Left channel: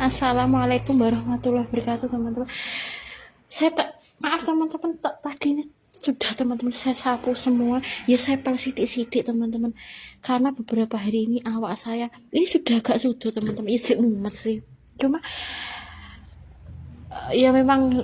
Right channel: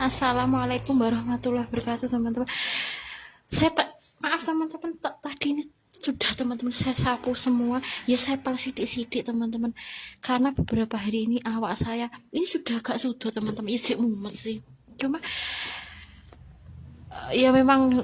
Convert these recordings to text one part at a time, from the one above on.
Assalamualaikum warahmatullahi wabarakatuh, teman-teman. Maaf teman-teman, tadi ini sudah teman-teman saya sapu semua. Ya saya pel sidik-sidik teman-teman. Karena beberapa hari ini awak saya ini sudah agak sudah teman-teman. Ijik mumet sih. Cuma ya memang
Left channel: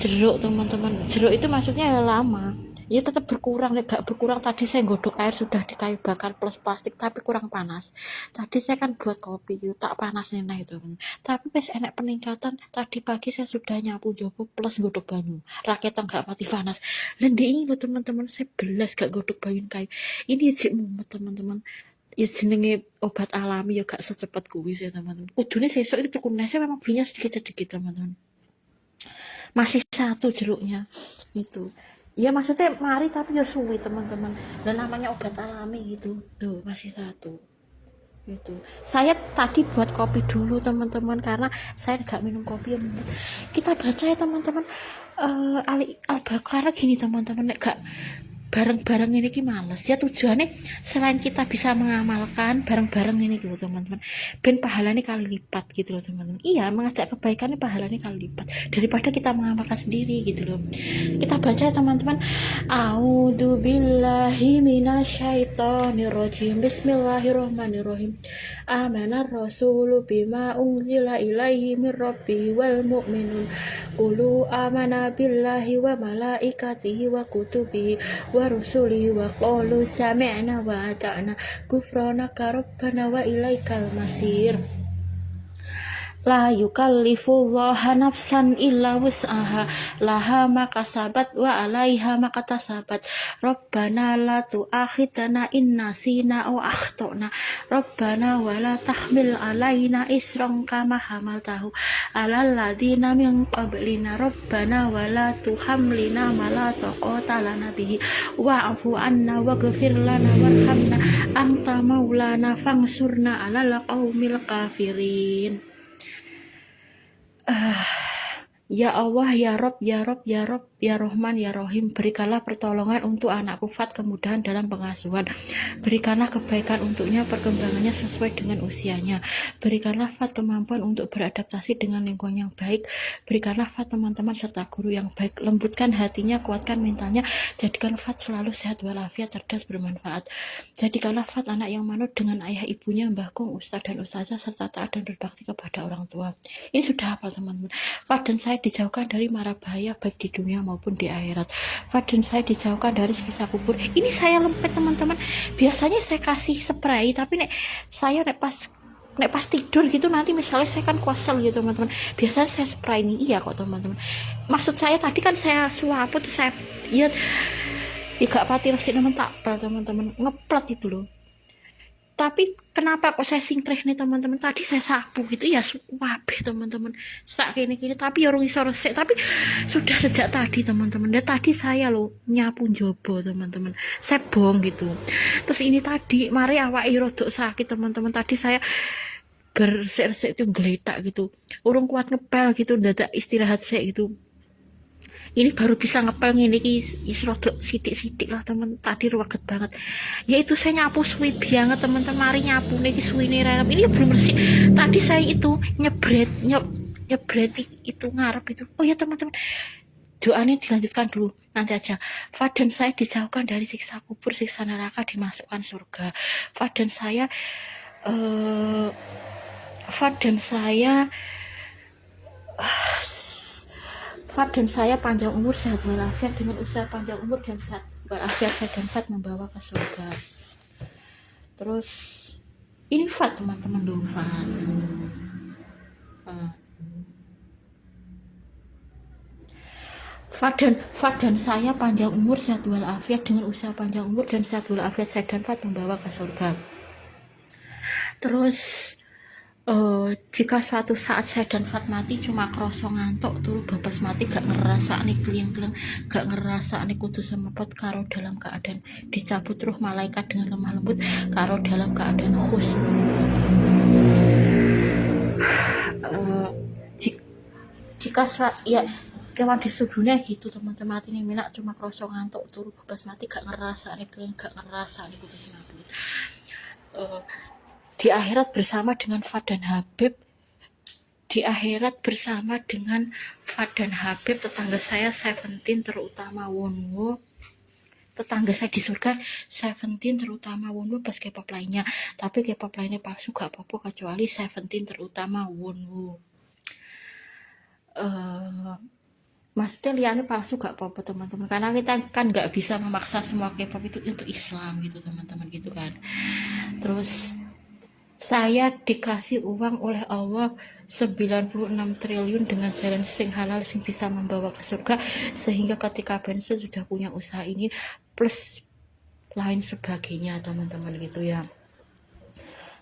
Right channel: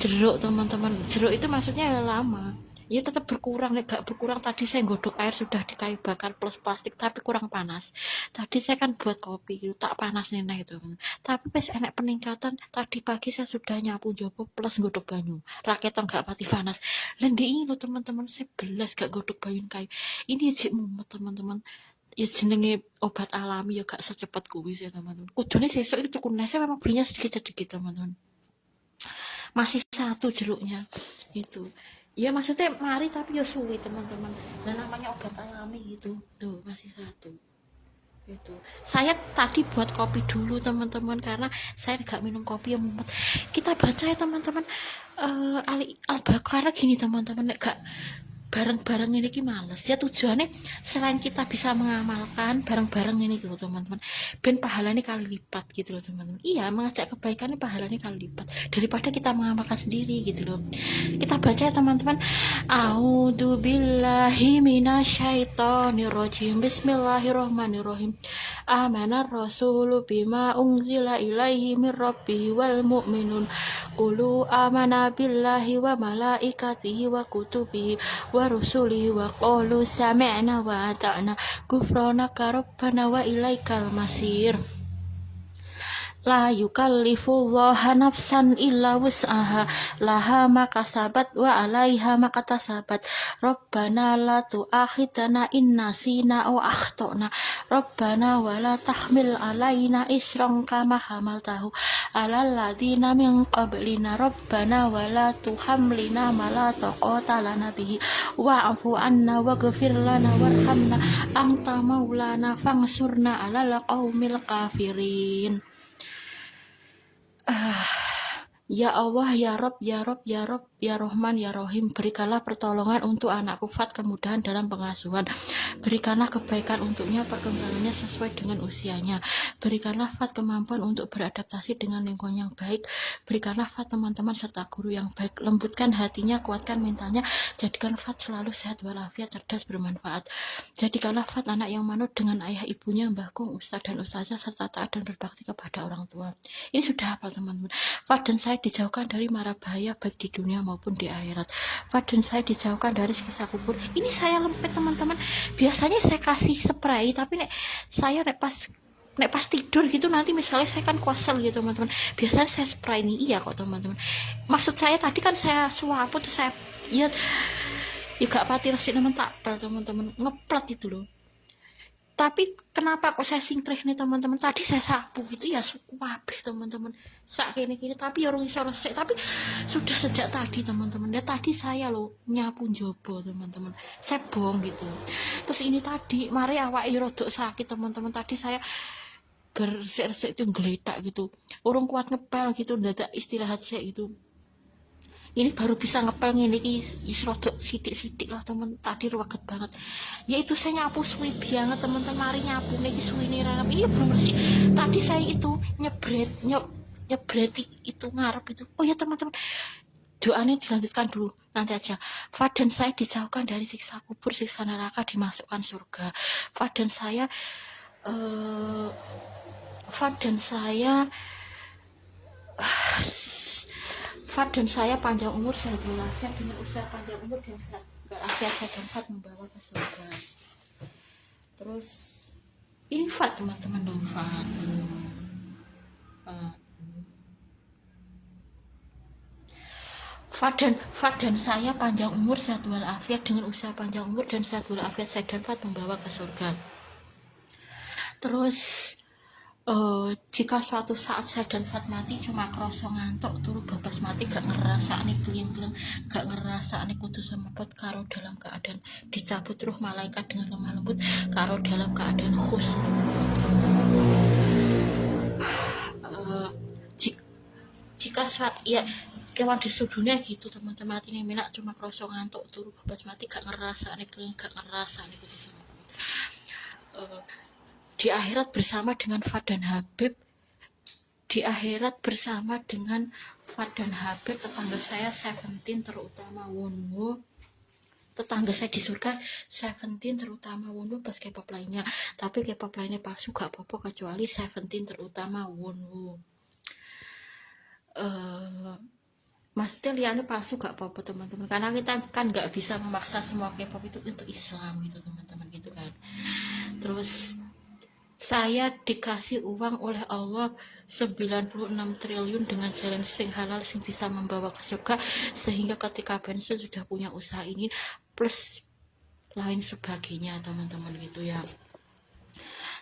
jeruk teman-teman. Jeruk itu maksudnya lama. Ya tetap berkurang, gak berkurang. Tadi saya godok air sudah di kayu bakar plus plastik tapi kurang panas. Tadi saya kan buat kopi gitu, tak panas nih itu. Tapi pas enak peningkatan, tadi pagi saya sudah nyapu jopo plus godok banyu. Raketan gak pati panas. Lendi ini loh teman-teman, saya belas gak godok banyu kayu. Ini jik mumet teman-teman. Ya jenenge obat alami ya gak secepat kuis ya teman-teman. Kudune sesuk itu kunese memang belinya sedikit-sedikit teman-teman. Masih satu jeruknya itu. Ya maksudnya mari tapi ya suwi teman-teman. Dan namanya obat alami gitu. Tuh masih satu. Itu. Saya tadi buat kopi dulu teman-teman karena saya nggak minum kopi yang mumet. Kita baca ya teman-teman. Ali Al-Baqarah gini teman-teman, gak bareng-bareng ini ki males ya, tujuannya selain kita bisa mengamalkan bareng-bareng ini gitu teman-teman, ben pahalanya kali lipat gitu loh teman-teman. Iya, mengajak kebaikannya pahalanya kali lipat daripada kita mengamalkan sendiri gitu loh. Kita baca teman-teman. A'udzu billahi minasyaitonir rajim. Bismillahirrahmanirrahim. Amanar rasulu bima unzila ilaihi mir rabbi wal mu'minun. Qulu amana billahi wa malaikatihi wa kutubihi wa rusulihi wa qalu sami'na wa ata'na ghufranaka rabbana wa ilaikal masir. La yukallifullahu nafsan illa wus'aha laha ma kasabat wa 'alaiha ma katasabat. Rabbana la tu'akhidna in nasina aw akhtana. Rabbana wa la tahmil 'alaina isran kama hamaltahu 'alal ladzina min qablina. Rabbana wa la tuhammilna ma la taqata lana bihi wa'fu 'anna waghfir lana warhamna anta maulana fansurna 'alal qaumil kafirin. Ya Allah, ya Rob, ya Rob, ya Rob, ya Rahman, ya Rahim, berikanlah pertolongan untuk anakku Fat, kemudahan dalam pengasuhan. Berikanlah kebaikan untuknya, perkembangannya sesuai dengan usianya. Berikanlah Fat kemampuan untuk beradaptasi dengan lingkungan yang baik. Berikanlah Fat teman-teman serta guru yang baik. Lembutkan hatinya, kuatkan mentalnya. Jadikan Fat selalu sehat walafiat, cerdas, bermanfaat. Jadikanlah Fat anak yang manut dengan ayah ibunya, Mbah Kung, Ustaz dan Ustazah, serta taat dan berbakti kepada orang tua. Ini sudah hafal teman-teman. Fat dan saya dijauhkan dari mara bahaya baik di dunia maupun di akhirat. Fat dan saya dijauhkan dari siksa kubur. Ini saya lempet teman-teman. Biasanya saya kasih spray, tapi saya pas tidur gitu nanti misalnya saya kan kuasel gitu teman-teman. Biasanya saya spray ini, iya kok teman-teman. Maksud saya tadi kan saya suaput, saya ya gak pati resik teman-teman, ngeplat itu loh. Tapi kenapa kok saya singkrih nih teman-teman, tadi saya sapu gitu ya suapeh teman-teman sak kini tapi ya iso resik, tapi sudah sejak tadi teman-teman. Dan tadi saya lo nyapu jobo teman-teman, saya bong gitu. Terus ini tadi mari awak rodok sakit teman-teman, tadi saya bersik-resik itu geletak gitu, urung kuat ngepel gitu, dadak istirahat saya gitu. Ini baru bisa ngepel ngene iki rodok sidik-sidik lah temen, tadi ruwet banget. Ya itu saya nyapu suwi banget teman-teman, mari nyapu niki suwine relem ini belum bersih. Tadi saya itu nyebret itu ngarep itu. Oh ya teman-teman, doanya dilanjutkan dulu nanti aja. Fat dan saya dijauhkan dari siksa kubur, siksa neraka, dimasukkan surga. Fat dan saya Fat dan saya panjang umur, sehat walafiat, dengan usaha panjang umur dan sehat walafiat saya dan Fat membawa ke surga. Terus ini Fat teman-teman dong, Fat. Fat dan saya panjang umur, sehat walafiat, dengan usaha panjang umur dan sehat walafiat saya dan Fat membawa ke surga. Terus jika suatu saat saya dan Fat mati, cuma kroso ngantuk turu babas mati, gak ngerasa nih geleng-geleng, gak ngerasa nih kudu semepot, karo dalam keadaan dicabut roh malaikat dengan lemah lembut, karo dalam keadaan khusnul. Jika ya kewan di dunia gitu teman-teman, mati nih minak cuma kroso ngantuk turu babas mati, gak ngerasa nih geleng, gak ngerasa nih kudu semepot. Di akhirat bersama dengan Fat dan Habib di akhirat bersama dengan Fad dan Habib, tetangga saya Seventeen terutama Wonwo, tetangga saya di surga Seventeen terutama Wonwo plus K-pop lainnya, tapi K-pop lainnya palsu gak apa-apa kecuali Seventeen terutama Wonwo. Maksudnya liane palsu gak apa-apa teman-teman, karena kita kan nggak bisa memaksa semua K-pop itu untuk Islam gitu teman-teman gitu kan. Terus saya dikasih uang oleh Allah 96 triliun dengan jalan sing halal sing bisa membawa ke surga, sehingga ketika pensiun sudah punya usaha ini plus lain sebagainya teman-teman gitu ya.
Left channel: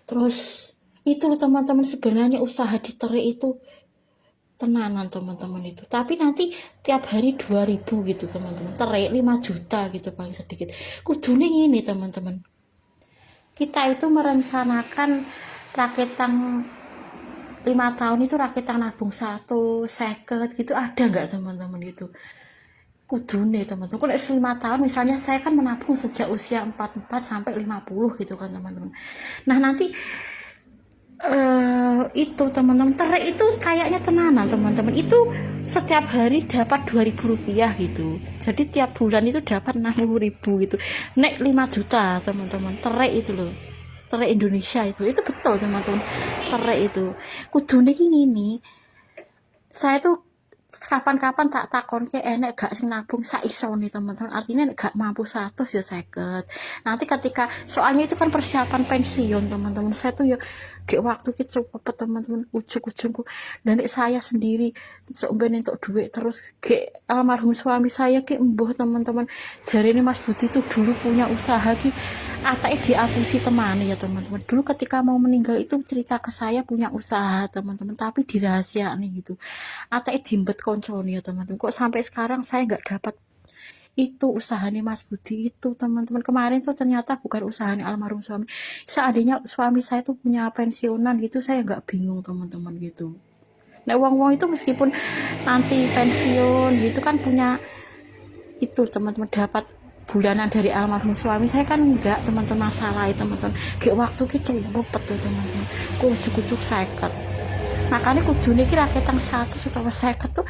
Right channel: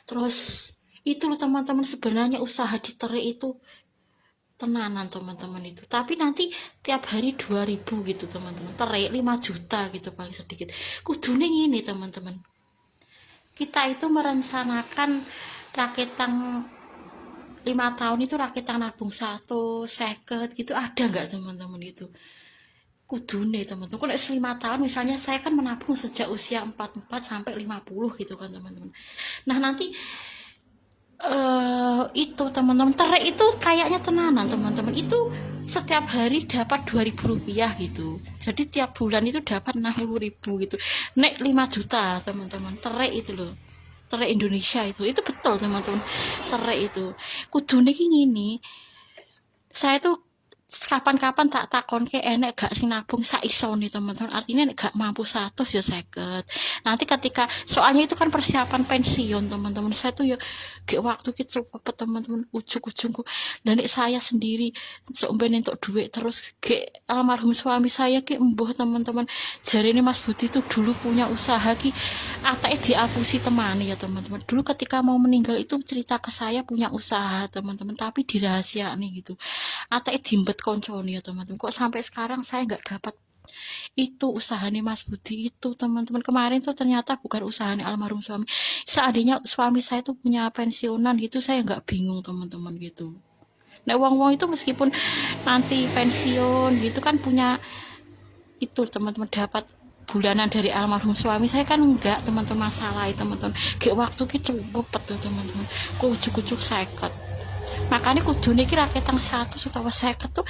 Terus itu loh teman-teman, sebenarnya usaha di Tere itu tenanan teman-teman itu, tapi nanti tiap hari 2000 gitu teman-teman, Tere 5 juta gitu paling sedikit. Kudune ini teman-teman, kita itu merencanakan raketang 5 tahun itu raketang nabung 1 seket gitu, ada nggak teman-teman itu? Kudune teman-teman, kalau 5 tahun misalnya saya kan menabung sejak usia 44 sampai 50 gitu kan teman-teman. Nah nanti itu teman-teman, Tere itu kayaknya tenanan teman-teman, itu setiap hari dapat 2000 rupiah gitu, jadi tiap bulan itu dapat 60.000 gitu, naik 5 juta teman-teman. Tere itu loh, Tere Indonesia itu betul teman-teman. Tere itu kudune gini, saya tuh kapan-kapan tak takon ke enek gak sing nabung saisone teman-teman, artinya gak mampu 100 ya 50. Nanti ketika soalnya itu kan persiapan pensiun teman-teman, saya tuh ya gak waktu kita cepet teman-teman, ujung-ujungku dan saya sendiri seumben untuk duit terus gak almarhum suami saya ke embuh teman-teman. Jari ini Mas Budi tuh dulu punya usaha ki atake diakusi temani ya teman-teman. Dulu ketika mau meninggal itu cerita ke saya punya usaha teman-teman, tapi dirahasiain gitu, atake dimbet koncone ya teman-teman. Kok sampai sekarang saya nggak dapat itu usahanya Mas Budi itu teman-teman. Kemarin tuh ternyata bukan usahanya almarhum suami. Seandainya suami saya tuh punya pensiunan gitu, saya nggak bingung teman-teman gitu. Nah wong-wong itu meskipun nanti pensiun gitu kan punya itu teman-teman, dapat bulanan dari almarhum suami, saya kan enggak teman-teman, masalah teman-teman. Gak waktu kita cepet tuh teman-teman, kucuk-kucuk seket. Makanya kudune iki raketan 100 utawa 50 tuh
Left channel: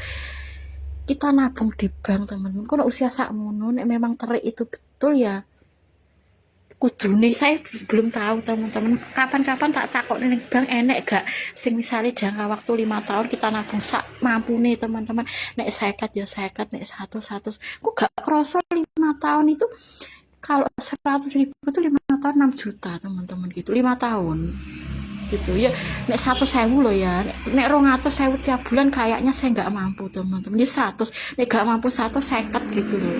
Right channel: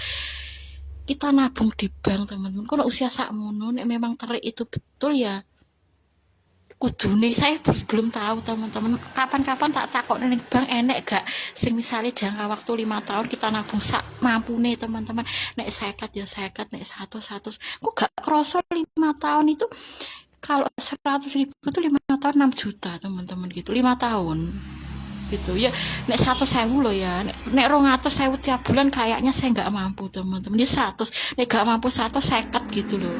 kita nabung di bank teman-teman. Kalau usia sakmono nek memang Tere itu betul ya kudune, saya belum tahu teman-teman. Kapan-kapan tak takok ning bank enek gak sing misalnya jangka waktu 5 tahun kita nabung sak mampune teman-teman. Nek 50 ya 50, nek 100 kok gak kroso 5 tahun itu. Kalau 100.000 itu 5 tahun 6 juta teman-teman gitu, 5 tahun gitu ya. Nek 100.000 loh ya, nek 200.000 tiap bulan kayaknya saya nggak mampu teman-teman. Dia 100, nek nggak mampu 150 gitu loh.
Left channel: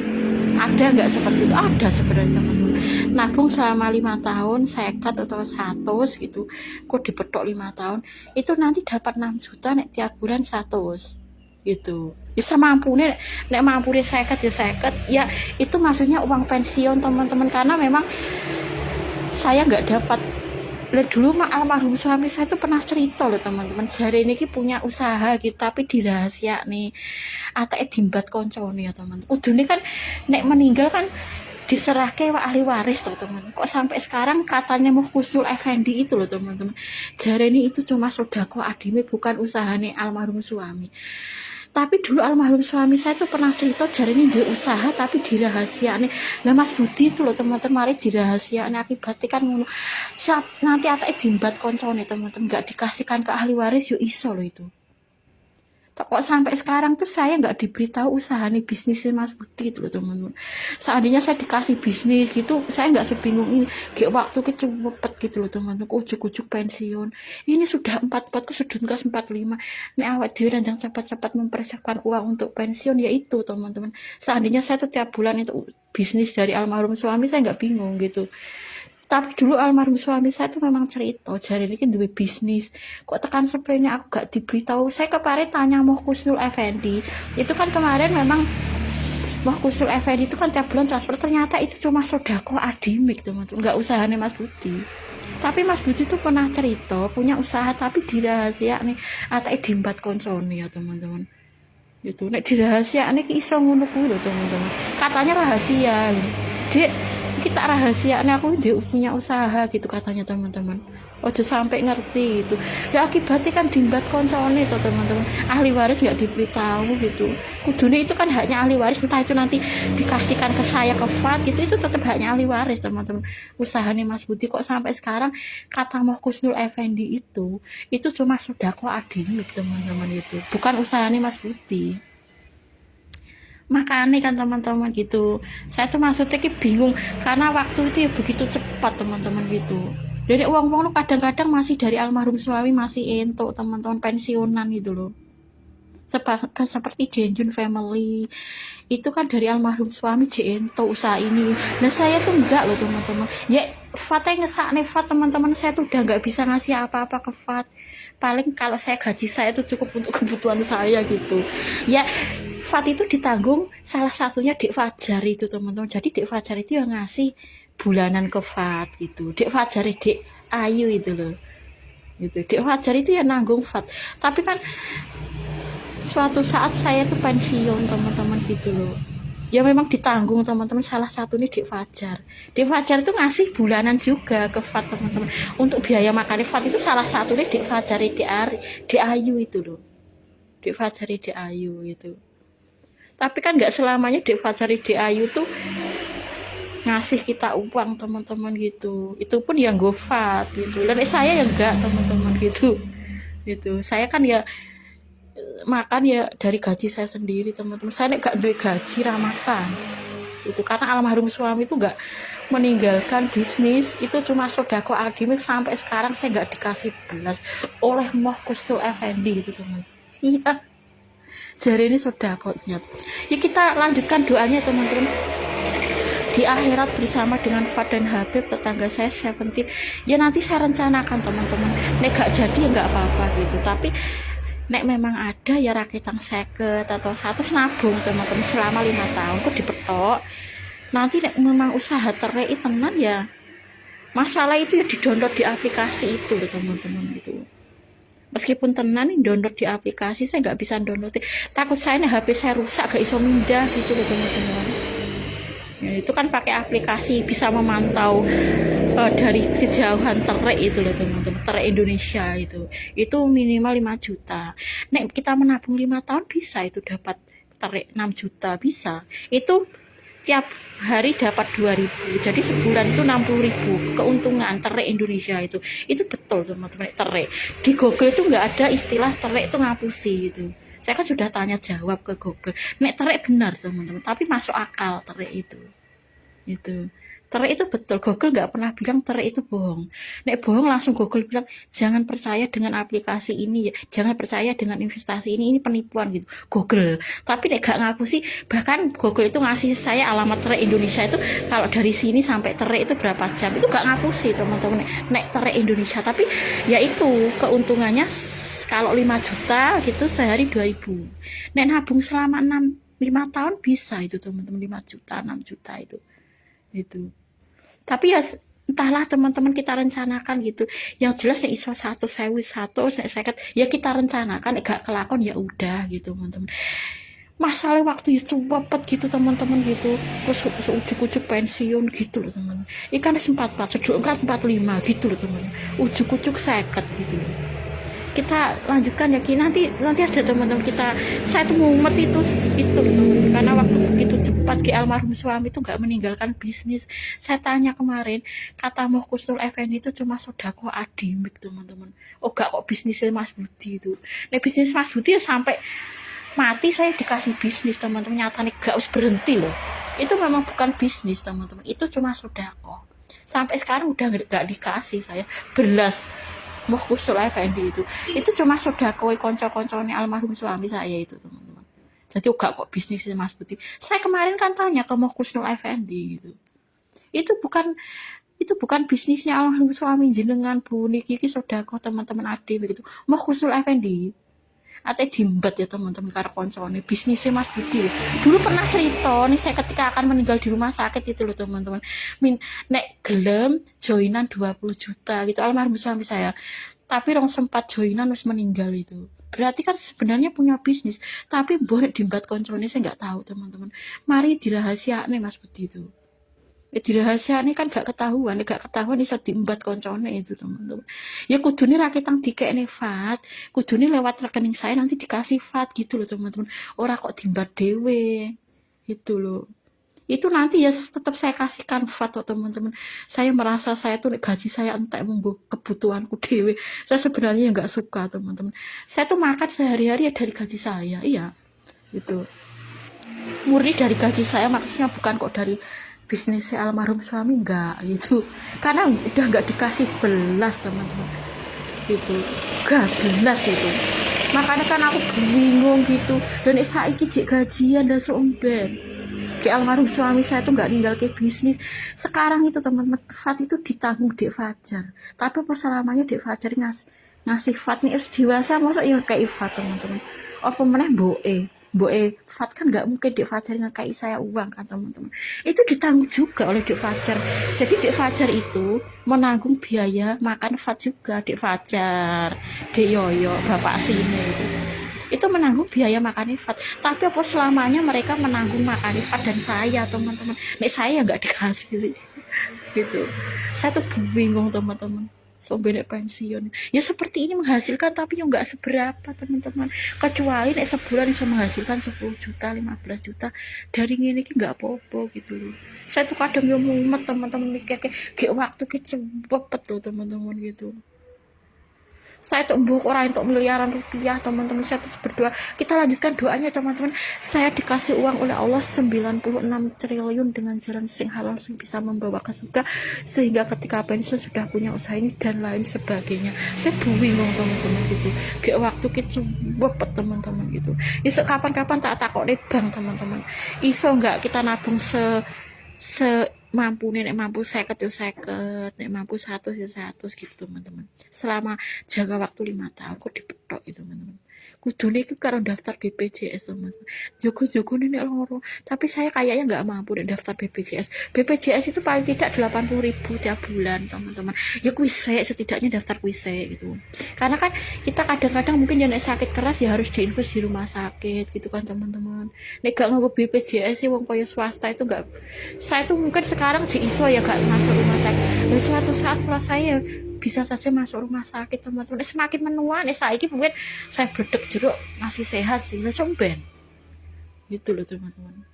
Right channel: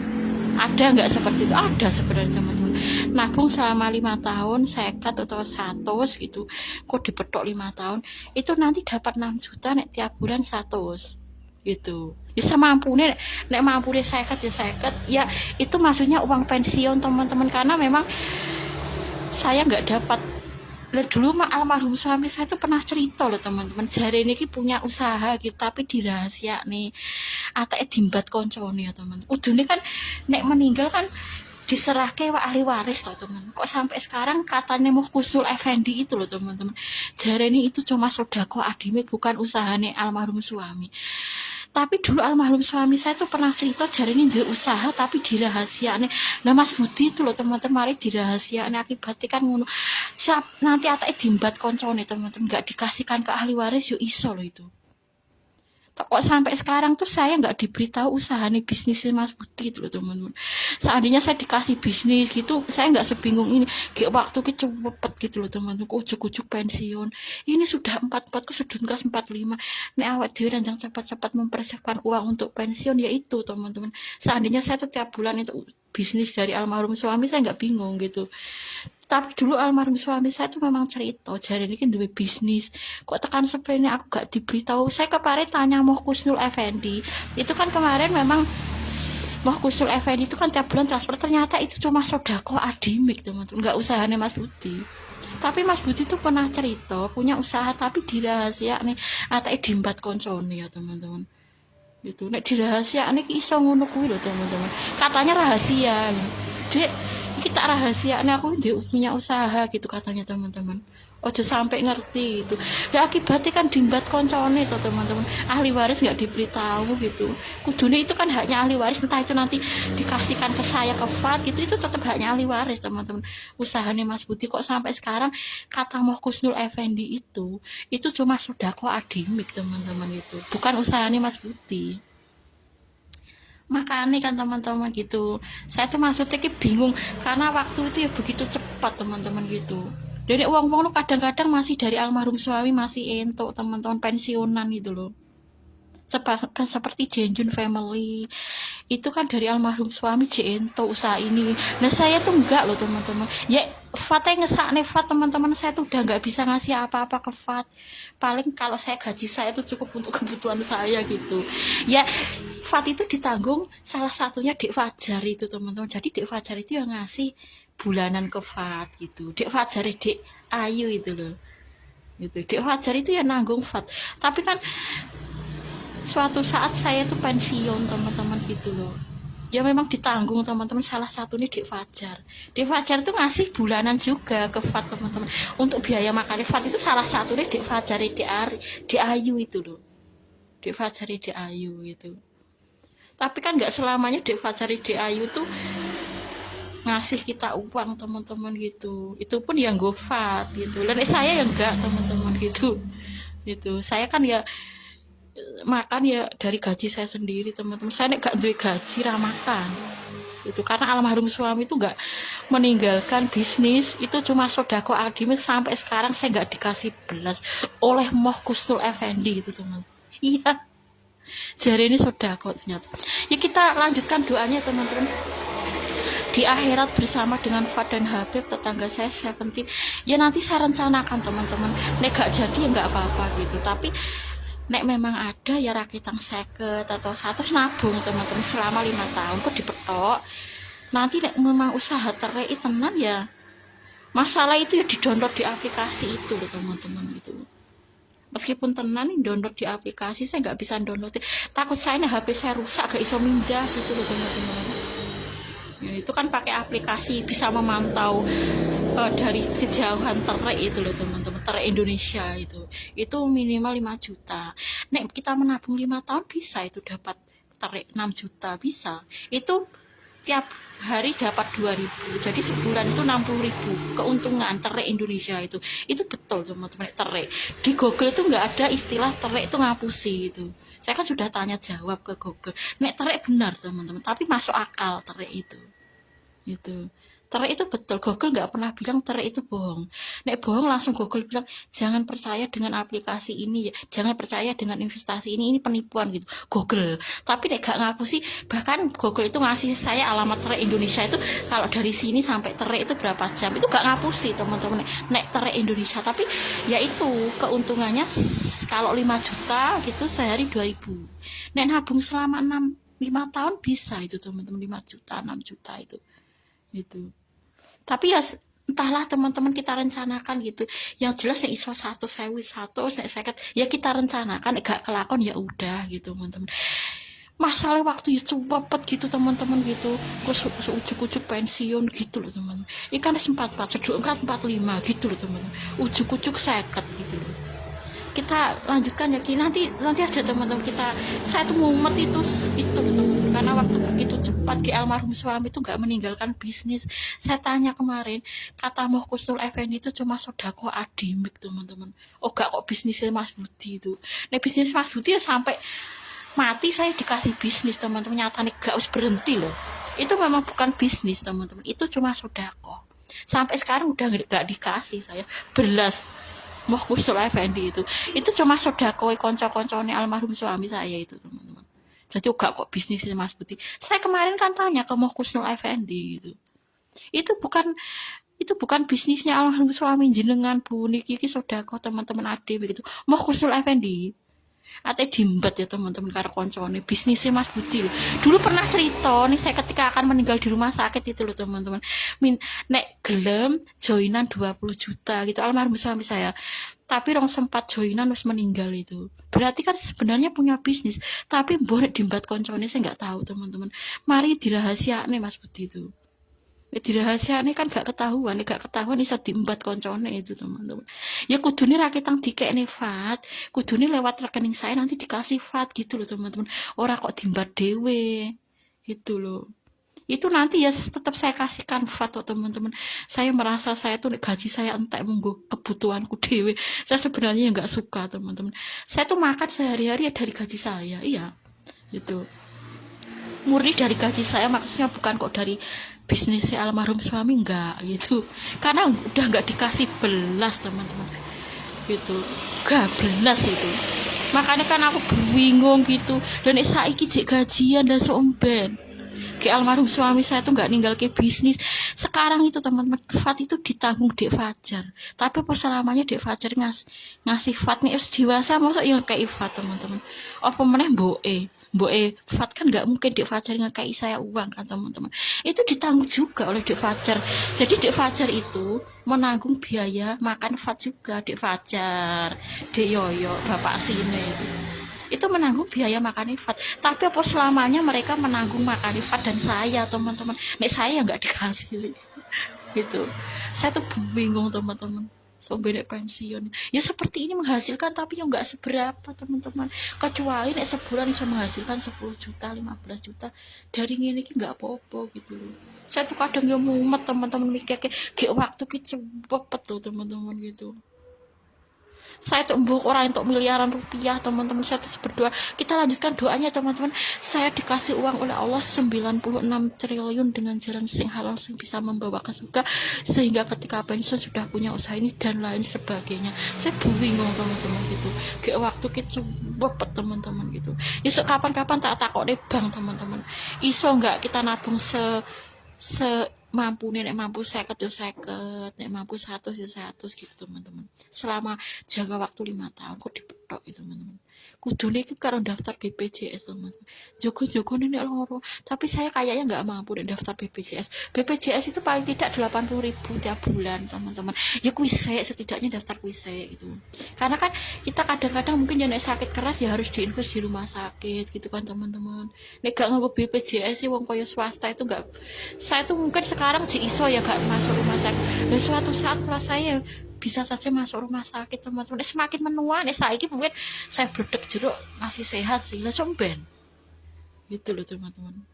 Ada nggak seperti itu? Ada sebenarnya teman-teman. Nabung selama 5 tahun 50 atau 100 gitu, kok dipetok 5 tahun itu nanti dapat 6 juta nek tiap bulan 100 gitu. Bisa mampu nek mampu deh 50 ya 50 ya, itu maksudnya uang pensiun teman-teman, karena memang saya nggak dapat. Dulu almarhum suami saya itu pernah cerita loh teman-teman, jari ini punya usaha gitu tapi dirahasia nih, atake dimbat koncone ya teman. Udune kan nek meninggal kan diserahke ahli waris loh teman. Kok sampai sekarang katanya mau kusul Effendi itu loh teman-teman, jari ini itu cuma sodako adimik, bukan usahane almarhum suami. Tapi dulu almarhum suami saya tuh pernah cerita jari ini dia usaha tapi dirahasiakan. Nah Mas Budi itu loh teman-teman, mari dirahasiakan, akibatnya kan ngono. Nanti atake dimbat koncone teman-teman, nggak dikasihkan ke ahli waris yo iso loh itu. Kok sampai sekarang tuh saya nggak diberitahu usahanya bisnisnya Mas Budi itu loh teman-teman. Seandainya saya dikasih bisnis gitu, saya nggak sebingung ini. Kayak waktu cepet gitu loh teman-teman, ujuk-ujuk pensiun. Ini sudah 44, sudah kelas 45. Nek awak dhewe ranjang cepat-cepat mempersiapkan uang untuk pensiun, ya itu teman-teman. Seandainya saya tuh tiap bulan itu bisnis dari almarhum suami, saya nggak bingung gitu. Tapi dulu almarhum suami saya tuh memang cerita jari ini duwe bisnis, kok tekan seperti ini aku gak diberitahu. Saya kemarin tanya Moh Kusnul Effendi itu kan, kemarin memang Moh Kusnul Effendi itu kan tiap bulan transfer, ternyata itu cuma sodako adimik teman-teman, gak usahanya Mas Budi. Tapi Mas Budi tuh pernah cerita punya usaha tapi dirahasia nih, atake dimbat koncone ya teman-teman gitu. Nek dirahasia nih iso ngono kuwi lho teman-teman, katanya rahasia. Dek kita rahasia aku punya usaha gitu katanya teman-teman. Ojo sampai ngerti itu. Ya akibatnya kan dimbat koncone tuh teman-teman. Ahli waris nggak diberitahu gitu. Kudune itu kan haknya ahli waris, entah itu nanti dikasihkan ke saya ke Fat gitu, itu tetap haknya ahli waris teman-teman. Usahanya Mas Budi kok sampai sekarang kata Moh Kusnul Effendi itu cuma sodako adimik teman-teman gitu. Bukan usahanya Mas Budi. Makanya kan teman-teman gitu, saya tuh maksudnya bingung karena waktu itu ya begitu cepat teman-teman gitu. Jadi uang-uang kadang-kadang masih dari almarhum suami masih entuk teman-teman pensiunan gitu loh. Seperti Jenjun Family itu kan dari almarhum suami Jento usaha ini. Nah saya tuh enggak loh teman-teman. Ya Fatnya ngesakne Fat teman-teman, saya tuh udah nggak bisa ngasih apa-apa ke Fat. Paling kalau saya gaji saya tuh cukup untuk kebutuhan saya gitu. Ya Fat itu ditanggung salah satunya Dek Fajar itu teman-teman. Jadi Dek Fajar itu yang ngasih bulanan ke Fat gitu. Dek Fajar Dek Ayu itu loh. Gitu. Dek Fajar itu ya nanggung Fat. Tapi kan suatu saat saya tuh pensiun teman-teman gitu loh. Ya memang ditanggung teman-teman, salah satu nih Dek Fajar. Dek Fajar itu ngasih bulanan juga ke Fat teman-teman. Untuk biaya makan Fat itu salah satu nih Dek Fajar Dek Ayu itu loh. Dek Fajar Dek Ayu itu. Tapi kan nggak selamanya Dek Fajar Dek Ayu tuh ngasih kita uang teman-teman gitu. Itu pun yang Fat gitu. Dan saya ya enggak teman-teman gitu. Gitu. Saya kan ya makan ya dari gaji saya sendiri teman-teman. Saya nggak duit gaji makan itu karena almarhum suami itu nggak meninggalkan bisnis, itu cuma sodako adimik sampai sekarang saya nggak dikasih belas oleh Moh Kusnul Effendi itu teman. Iya, jari ini sodako ternyata. Ya kita lanjutkan doanya teman-teman. Di akhirat bersama dengan Fat dan Habib tetangga saya 17. Ya nanti saya rencanakan teman-teman. Nek gak jadi nggak apa-apa gitu. Tapi nek memang ada ya rakitang 50 atau 100 nabung teman-teman selama 5 tahun kok dipetok. Nanti nek memang usaha terai tenan ya masalah itu ya di-download di aplikasi itu teman-teman gitu. Meskipun tenan nih download di aplikasi, saya nggak bisa download. Takut saya nih HP saya rusak gak iso mindah gitu loh teman-teman. Ya, itu kan pakai aplikasi bisa memantau dari kejauhan terai itu loh teman-teman, terai Indonesia itu minimal 5 juta. Nek kita menabung 5 tahun bisa itu dapat terai 6 juta bisa. Itu tiap hari dapat 2.000, jadi sebulan itu 60.000 keuntungan terai Indonesia itu betul teman-teman. Terai di Google itu nggak ada istilah terai itu ngapusi itu. Saya kan sudah tanya jawab ke Google, nek terai benar teman-teman, tapi masuk akal terai itu terai itu betul. Google nggak pernah bilang terai itu bohong. Nek bohong langsung Google bilang jangan percaya dengan aplikasi ini, jangan percaya dengan investasi ini penipuan gitu Google. Tapi nek gak ngapusi, bahkan Google itu ngasih saya alamat terai Indonesia itu kalau dari sini sampai terai itu berapa jam, itu gak ngapusi teman-teman nek terai Indonesia. Tapi ya itu keuntungannya kalau 5 juta gitu sehari 2.000. Nek nabung selama 5 tahun bisa itu teman-teman, 5 juta 6 juta itu. Tapi ya entahlah teman-teman, kita rencanakan gitu. Yang jelas nek iso 100.000 nek 50 ya kita rencanakan, gak kelakon ya udah gitu teman-teman. Masalah waktu itu cepet gitu teman-teman gitu. Terus ujuk-ujuk pensiun gitu loh teman. Ikan 44, seduk 45 gitu loh teman. Ujuk-ujuk 50 gitu loh. Kita lanjutkan ya nanti aja teman-teman. Saya tuh mumet itu teman-teman, karena waktu begitu cepat almarhum suami itu nggak meninggalkan bisnis. Saya tanya kemarin, kata Moh Kusnul Effendi itu cuma sodako adimik teman-teman. Oh gak kok bisnisnya Mas Budi itu. Nah bisnis Mas Budi ya sampai mati saya dikasih bisnis teman-teman, nyatanya gak harus berhenti loh. Itu memang bukan bisnis teman-teman, itu cuma sodako. Sampai sekarang udah gak dikasih saya belas Moh Kusnul Effendi itu cuma sodako konco-koncone almarhum suami saya itu teman-teman. Jadi gak kok bisnisnya Mas Budi. Saya kemarin kan tanya ke Moh Kusnul Effendi itu bukan bisnisnya almarhum suami jenengan Bu niki sodako teman-teman adik begitu. Moh Kusnul Effendi ate dimbat ya teman-teman karo koncone bisnisnya Mas Budi. Dulu pernah cerita nih saya ketika akan meninggal di rumah sakit itu loh teman-teman. Nek gelem joinan 20 juta gitu almarhum suami saya. Tapi rong sempat joinan harus meninggal itu. Berarti kan sebenarnya punya bisnis, tapi boleh dimbat koncone saya nggak tahu teman-teman. Mari dirahasiakne Mas Budi itu. dirahasiakan kan gak ketahuan bisa diembat koncone itu teman-teman. Ya kudune rakitang dikekne VAT, kudune lewat rekening saya nanti dikasih VAT gitu loh teman-teman. Ora kok diembat dewe gitu loh. Itu nanti ya tetap saya kasihkan VAT oh, teman-teman. Saya merasa saya tuh gaji saya entek monggo kebutuhanku dewe. Saya sebenarnya nggak suka teman-teman. Saya tuh makan sehari-hari ya dari gaji saya, iya gitu. Murni dari gaji saya, maksudnya bukan kok dari bisnisnya almarhum suami, enggak gitu, karena udah nggak dikasih belas teman-teman gitu, gak belas itu. Makanya kan aku bingung gitu, dan saiki jek gajian dan somben ke almarhum suami saya tuh nggak ninggal ke bisnis. Sekarang itu teman-teman, VAT itu ditanggung Dek Fajar, tapi apa selamanya Dek Fajar ngasih VAT nih harus dewasa, masa ya kayak VAT teman-teman. Apa meneh boe VAT kan nggak mungkin Dek Fajar ngakai saya uang kan teman-teman, itu ditanggung juga oleh Dek Fajar. Jadi Dek Fajar itu menanggung biaya makan VAT juga. Dek Fajar, Dek Yoyo, Bapak Sini itu menanggung biaya makan VAT. Tapi apa selamanya mereka menanggung makan VAT dan saya teman-teman, nek saya nggak dikasih sih gitu. Saya tuh bingung teman-teman, so beda pensiun ya seperti ini menghasilkan tapi yang nggak seberapa teman-teman, kecuali nek sebulan bisa menghasilkan 10 juta 15 juta dari ini nggak apa-apa gitu loh. Saya tuh kadang yang mumet teman-teman, mikir kayak waktu kita cepet tuh teman-teman gitu. Saya tuh mbok orang untuk miliaran rupiah teman-teman. Saya terus berdoa, kita lanjutkan doanya teman-teman. Saya dikasih uang oleh Allah 96 triliun dengan jalan sing halal sing bisa membawa ke surga, sehingga ketika pensiun sudah punya usaha ini dan lain sebagainya. Saya bingung teman-teman gitu, kayak waktu kita bopet teman-teman gitu. Ya kapan-kapan tak takok nih bang teman-teman, iso nggak kita nabung mampu nek mampu 50 ya 50, nek mampu 100 ya 100 gitu teman-teman, selama jangka waktu 5 tahun kok dipetok itu teman-teman. Kudune itu karena daftar BPJS teman-teman, jogo-jogo nek loro, tapi saya kayaknya nggak mampu nek daftar BPJS itu paling tidak 80.000 tiap bulan teman-teman. Ya kuise setidaknya daftar kuise gitu, karena kan kita kadang-kadang mungkin yang sakit keras ya harus diinfus di rumah sakit gitu kan teman-teman. Nek gak nganggo BPJS sih wong kaya swasta itu nggak, saya tuh mungkin sekarang di iso ya gak masuk rumah sakit, dan suatu saat kalau saya bisa saja masuk rumah sakit teman-teman. Semakin menua nih saya mungkin saya berdek jeruk masih sehat sih langsung ben gitu loh teman-teman.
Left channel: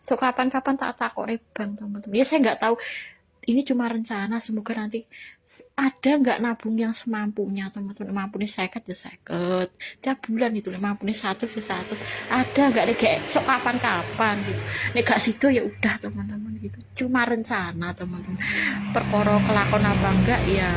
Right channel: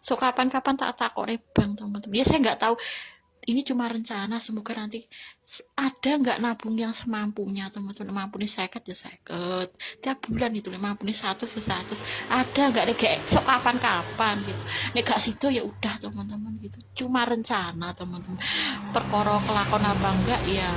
So kapan-kapan tak takok bang teman-teman, ya saya nggak tahu, ini cuma rencana, semoga nanti ada nggak nabung yang semampunya teman-teman. Mampunya 50 ya 50 tiap bulan itu, mampunya 100 ya 100, ada nggak nih kayak sok kapan-kapan gitu. Nek gak situ ya udah teman-teman gitu, cuma rencana teman-teman. Perkara kelakon apa enggak ya,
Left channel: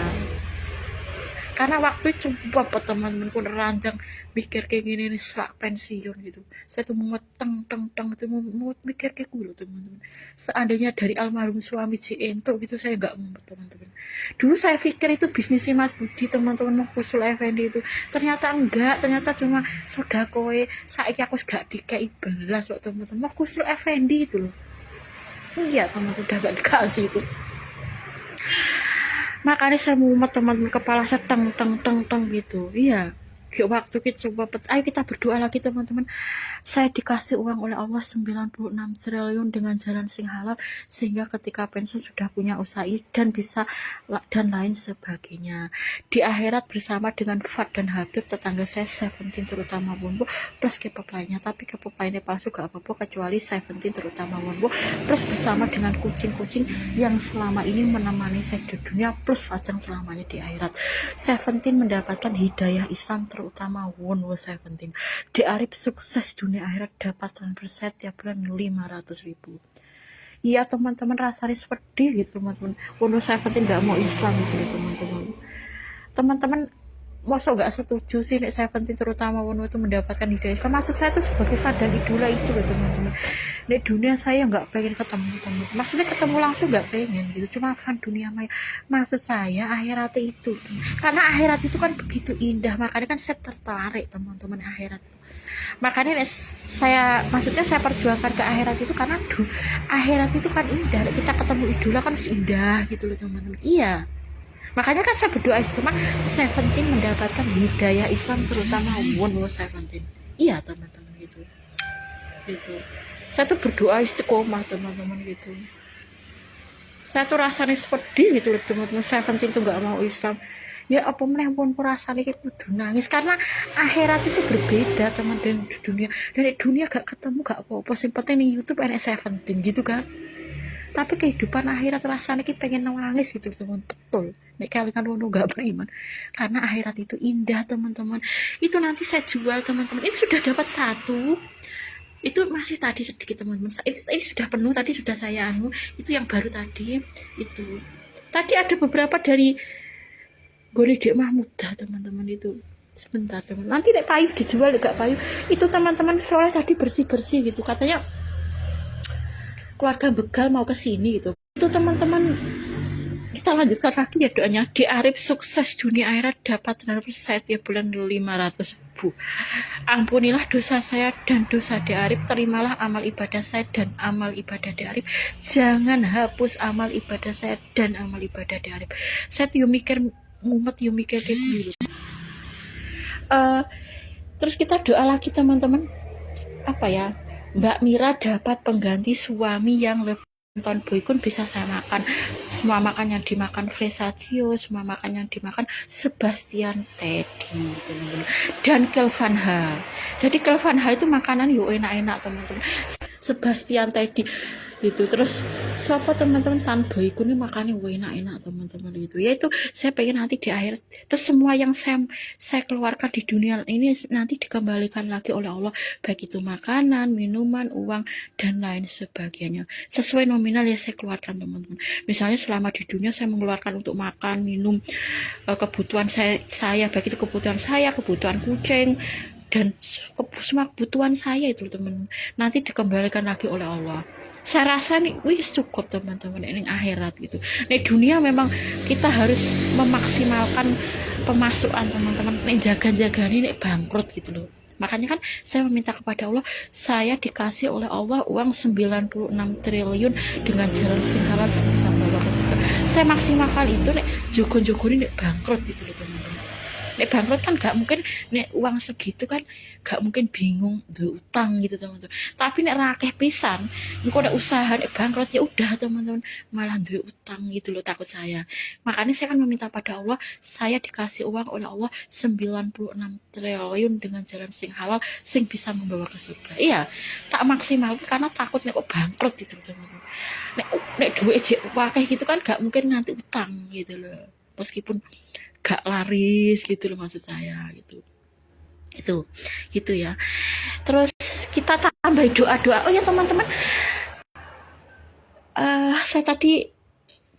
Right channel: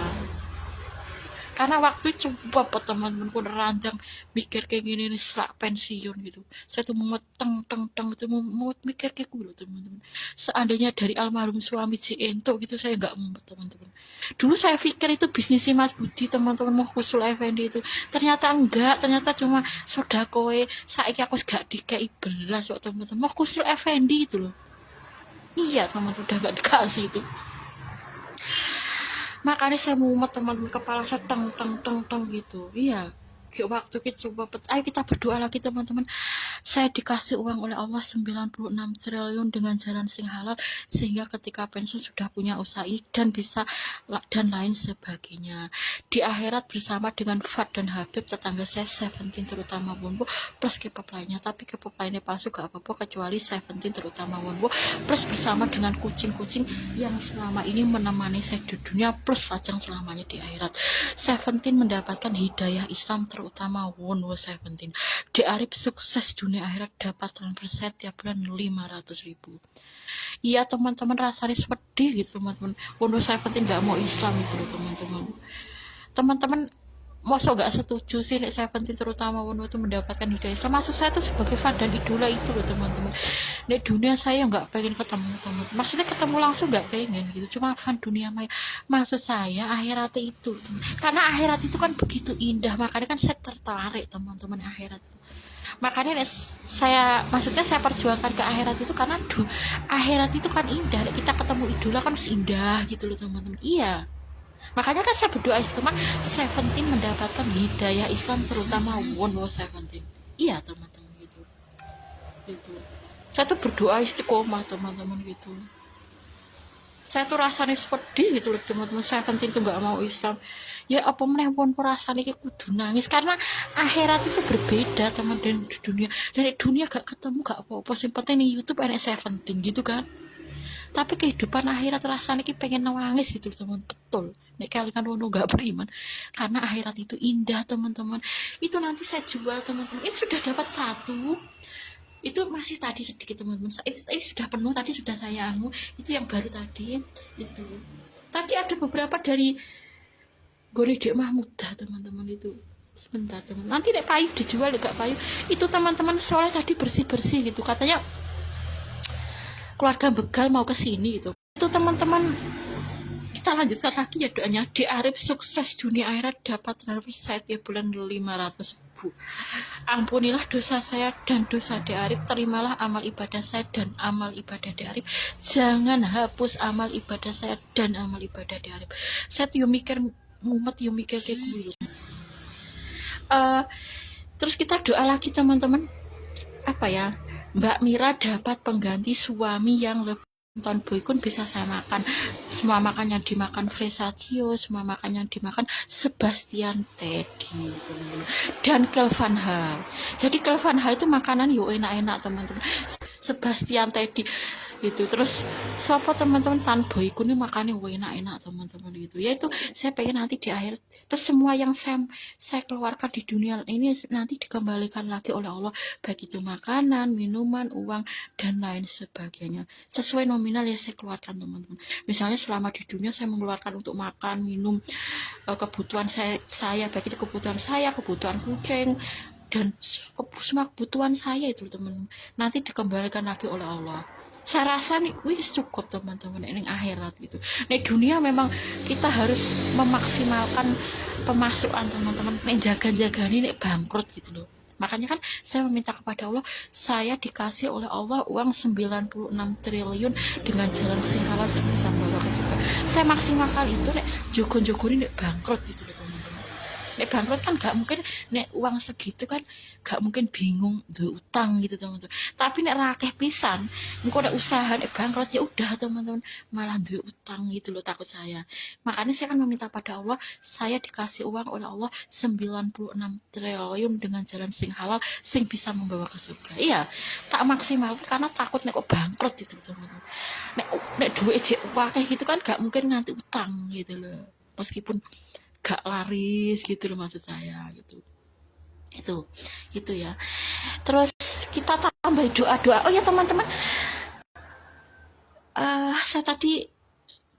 karena waktu coba teman-teman pun randang mikir kayak gini nih selak pensiun gitu. Saya tuh mumet teng itu mumet mikir kayak gue teman-teman. Seandainya dari almarhum suami Ciento gitu saya nggak mumet teman-teman. Dulu saya pikir itu bisnisnya Mas Budi teman-teman, mau Kusul Effendi itu, ternyata enggak, ternyata cuma sodakoe. Saiki aku gak dikai belas kok teman-teman, mau Kusul Effendi itu loh. Iya teman-teman, udah gak dikasih itu. Makanya saya mumet teman-teman, kepala saya teng gitu. Iya, kayak waktu kita coba ayo kita berdoa lagi teman-teman. Saya dikasih uang oleh Allah 96 triliun dengan jalan sing halal, sehingga ketika pensiun sudah punya usaha ini dan bisa dan lain sebagainya. Di akhirat bersama dengan Fat dan Habib tetangga saya Seventeen terutama Wonbo plus K-pop lainnya, tapi K-pop lainnya palsu gak apa-apa kecuali Seventeen terutama Wonbo plus bersama dengan kucing-kucing yang selama ini menemani saya di dunia plus lajang selamanya di akhirat. Seventeen mendapatkan hidayah Islam terutama Wonbo Seventeen. Di Arif sukses dunia akhirat, dapat transfer tiap bulan 500.000. Iya teman-teman, rasanya sedih gitu teman-teman. Wonbo Seventeen gak mau Islam gitu teman-teman. Masa gak setuju sih nek Seventeen terutama Wonbo itu mendapatkan hidayah Islam? Maksud saya itu sebagai fan dan idola itu loh teman-teman. Nek dunia saya gak pengen ketemu teman-teman, maksudnya ketemu langsung gak pengen gitu, cuma fan dunia maya. Maksud saya akhirat itu, karena akhirat itu kan begitu indah, makanya kan saya tertarik teman-teman akhirat itu. Makanya maksudnya saya perjuangkan ke akhirat itu karena akhirat itu kan indah, kita ketemu idola kan indah gitu loh teman-teman. Iya, makanya kan saya berdoa istiqomah Seventeen mendapatkan hidayah Islam terutama Wonbo Seventeen. Iya teman-teman gitu. Saya tuh berdoa istiqomah teman-teman gitu. Saya tuh rasanya sedih gitu loh teman-teman. Saya penting tuh nggak mau Islam. Ya apa meneh pun rasanya kayak kudu nangis karena akhirat itu berbeda teman dan di dunia. Dan di dunia gak ketemu gak apa-apa. Yang penting di YouTube enak 17 gitu kan. Tapi kehidupan akhirat rasanya kayak pengen nangis gitu teman. Betul. Nek kalian wono gak beriman. Karena akhirat itu indah teman-teman. Itu nanti saya jual teman-teman. Ini sudah dapat satu. Itu masih tadi sedikit teman-teman, ini sudah penuh tadi, sudah saya itu yang baru tadi. Itu tadi ada beberapa dari Goridek Mahmudah teman-teman. Itu sebentar teman, nanti nek payu dijual gak payu itu teman-teman, soalnya tadi bersih-bersih gitu, katanya keluarga begal mau ke sini gitu. Itu teman-teman, kita lanjutkan lagi ya doanya. Di Arif sukses dunia akhirat, dapat set ya bulan 500.000. Ampunilah dosa saya dan dosa Di Arif, terimalah amal ibadah saya dan amal ibadah Di Arif, jangan hapus amal ibadah saya dan amal ibadah Di Arif. Saya yuk mikir ngumet, yuk mikir kayak gitu. Terus kita doa lagi teman-teman, apa ya, Mbak Mira dapat pengganti suami yang lebih. Nonton Boykun bisa saya makan. Semua makan yang dimakan Fresaccio, semua makan yang dimakan Sebastian Teddy dan Kelvin H. Jadi Kelvin H itu makanan yuk enak-enak teman-teman. Sebastian Teddy itu. Terus siapa teman-teman, Tan Boykun ini makannya enak-enak teman-teman. Itu ya, itu saya pengen nanti di akhir terus semua yang saya keluarkan di dunia ini nanti dikembalikan lagi oleh Allah, baik itu makanan, minuman, uang dan lain sebagainya sesuai nominal ya saya keluarkan teman-teman. Misalnya selama di dunia saya mengeluarkan untuk makan, minum, kebutuhan saya baik itu kebutuhan saya, kebutuhan kucing dan semua kebutuhan saya itu teman-teman, nanti dikembalikan lagi oleh Allah. Saya rasa nih wis cukup teman-teman ini akhirat gitu. Nih dunia memang kita harus memaksimalkan pemasukan teman-teman. Nih jaga-jaga ini bangkrut gitu loh. Makanya kan saya meminta kepada Allah, saya dikasih oleh Allah uang 96 triliun dengan jalan sing halal sebisa Allah. Saya maksimalkan itu, nek jogo-jogo ini bangkrut gitu loh teman-teman. Nek bangkrut kan gak mungkin, nek uang segitu kan gak mungkin bingung duwe utang gitu teman-teman. Tapi nek rakeh pisan, engko nek usaha nek bangkrut ya udah teman-teman, malah duwe utang gitu loh, takut saya. Makanya saya kan meminta pada Allah, saya dikasih uang oleh Allah 96 triliun dengan jalan sing halal sing bisa membawa ke surga. Iya, tak maksimal karena takut nek kok bangkrut gitu teman-teman. Nek duit jek wakeh gitu kan gak mungkin nganti utang gitu loh. Meskipun gak laris gitu loh maksud saya gitu. Itu ya. Terus kita tambah doa-doa. Oh ya teman-teman, saya tadi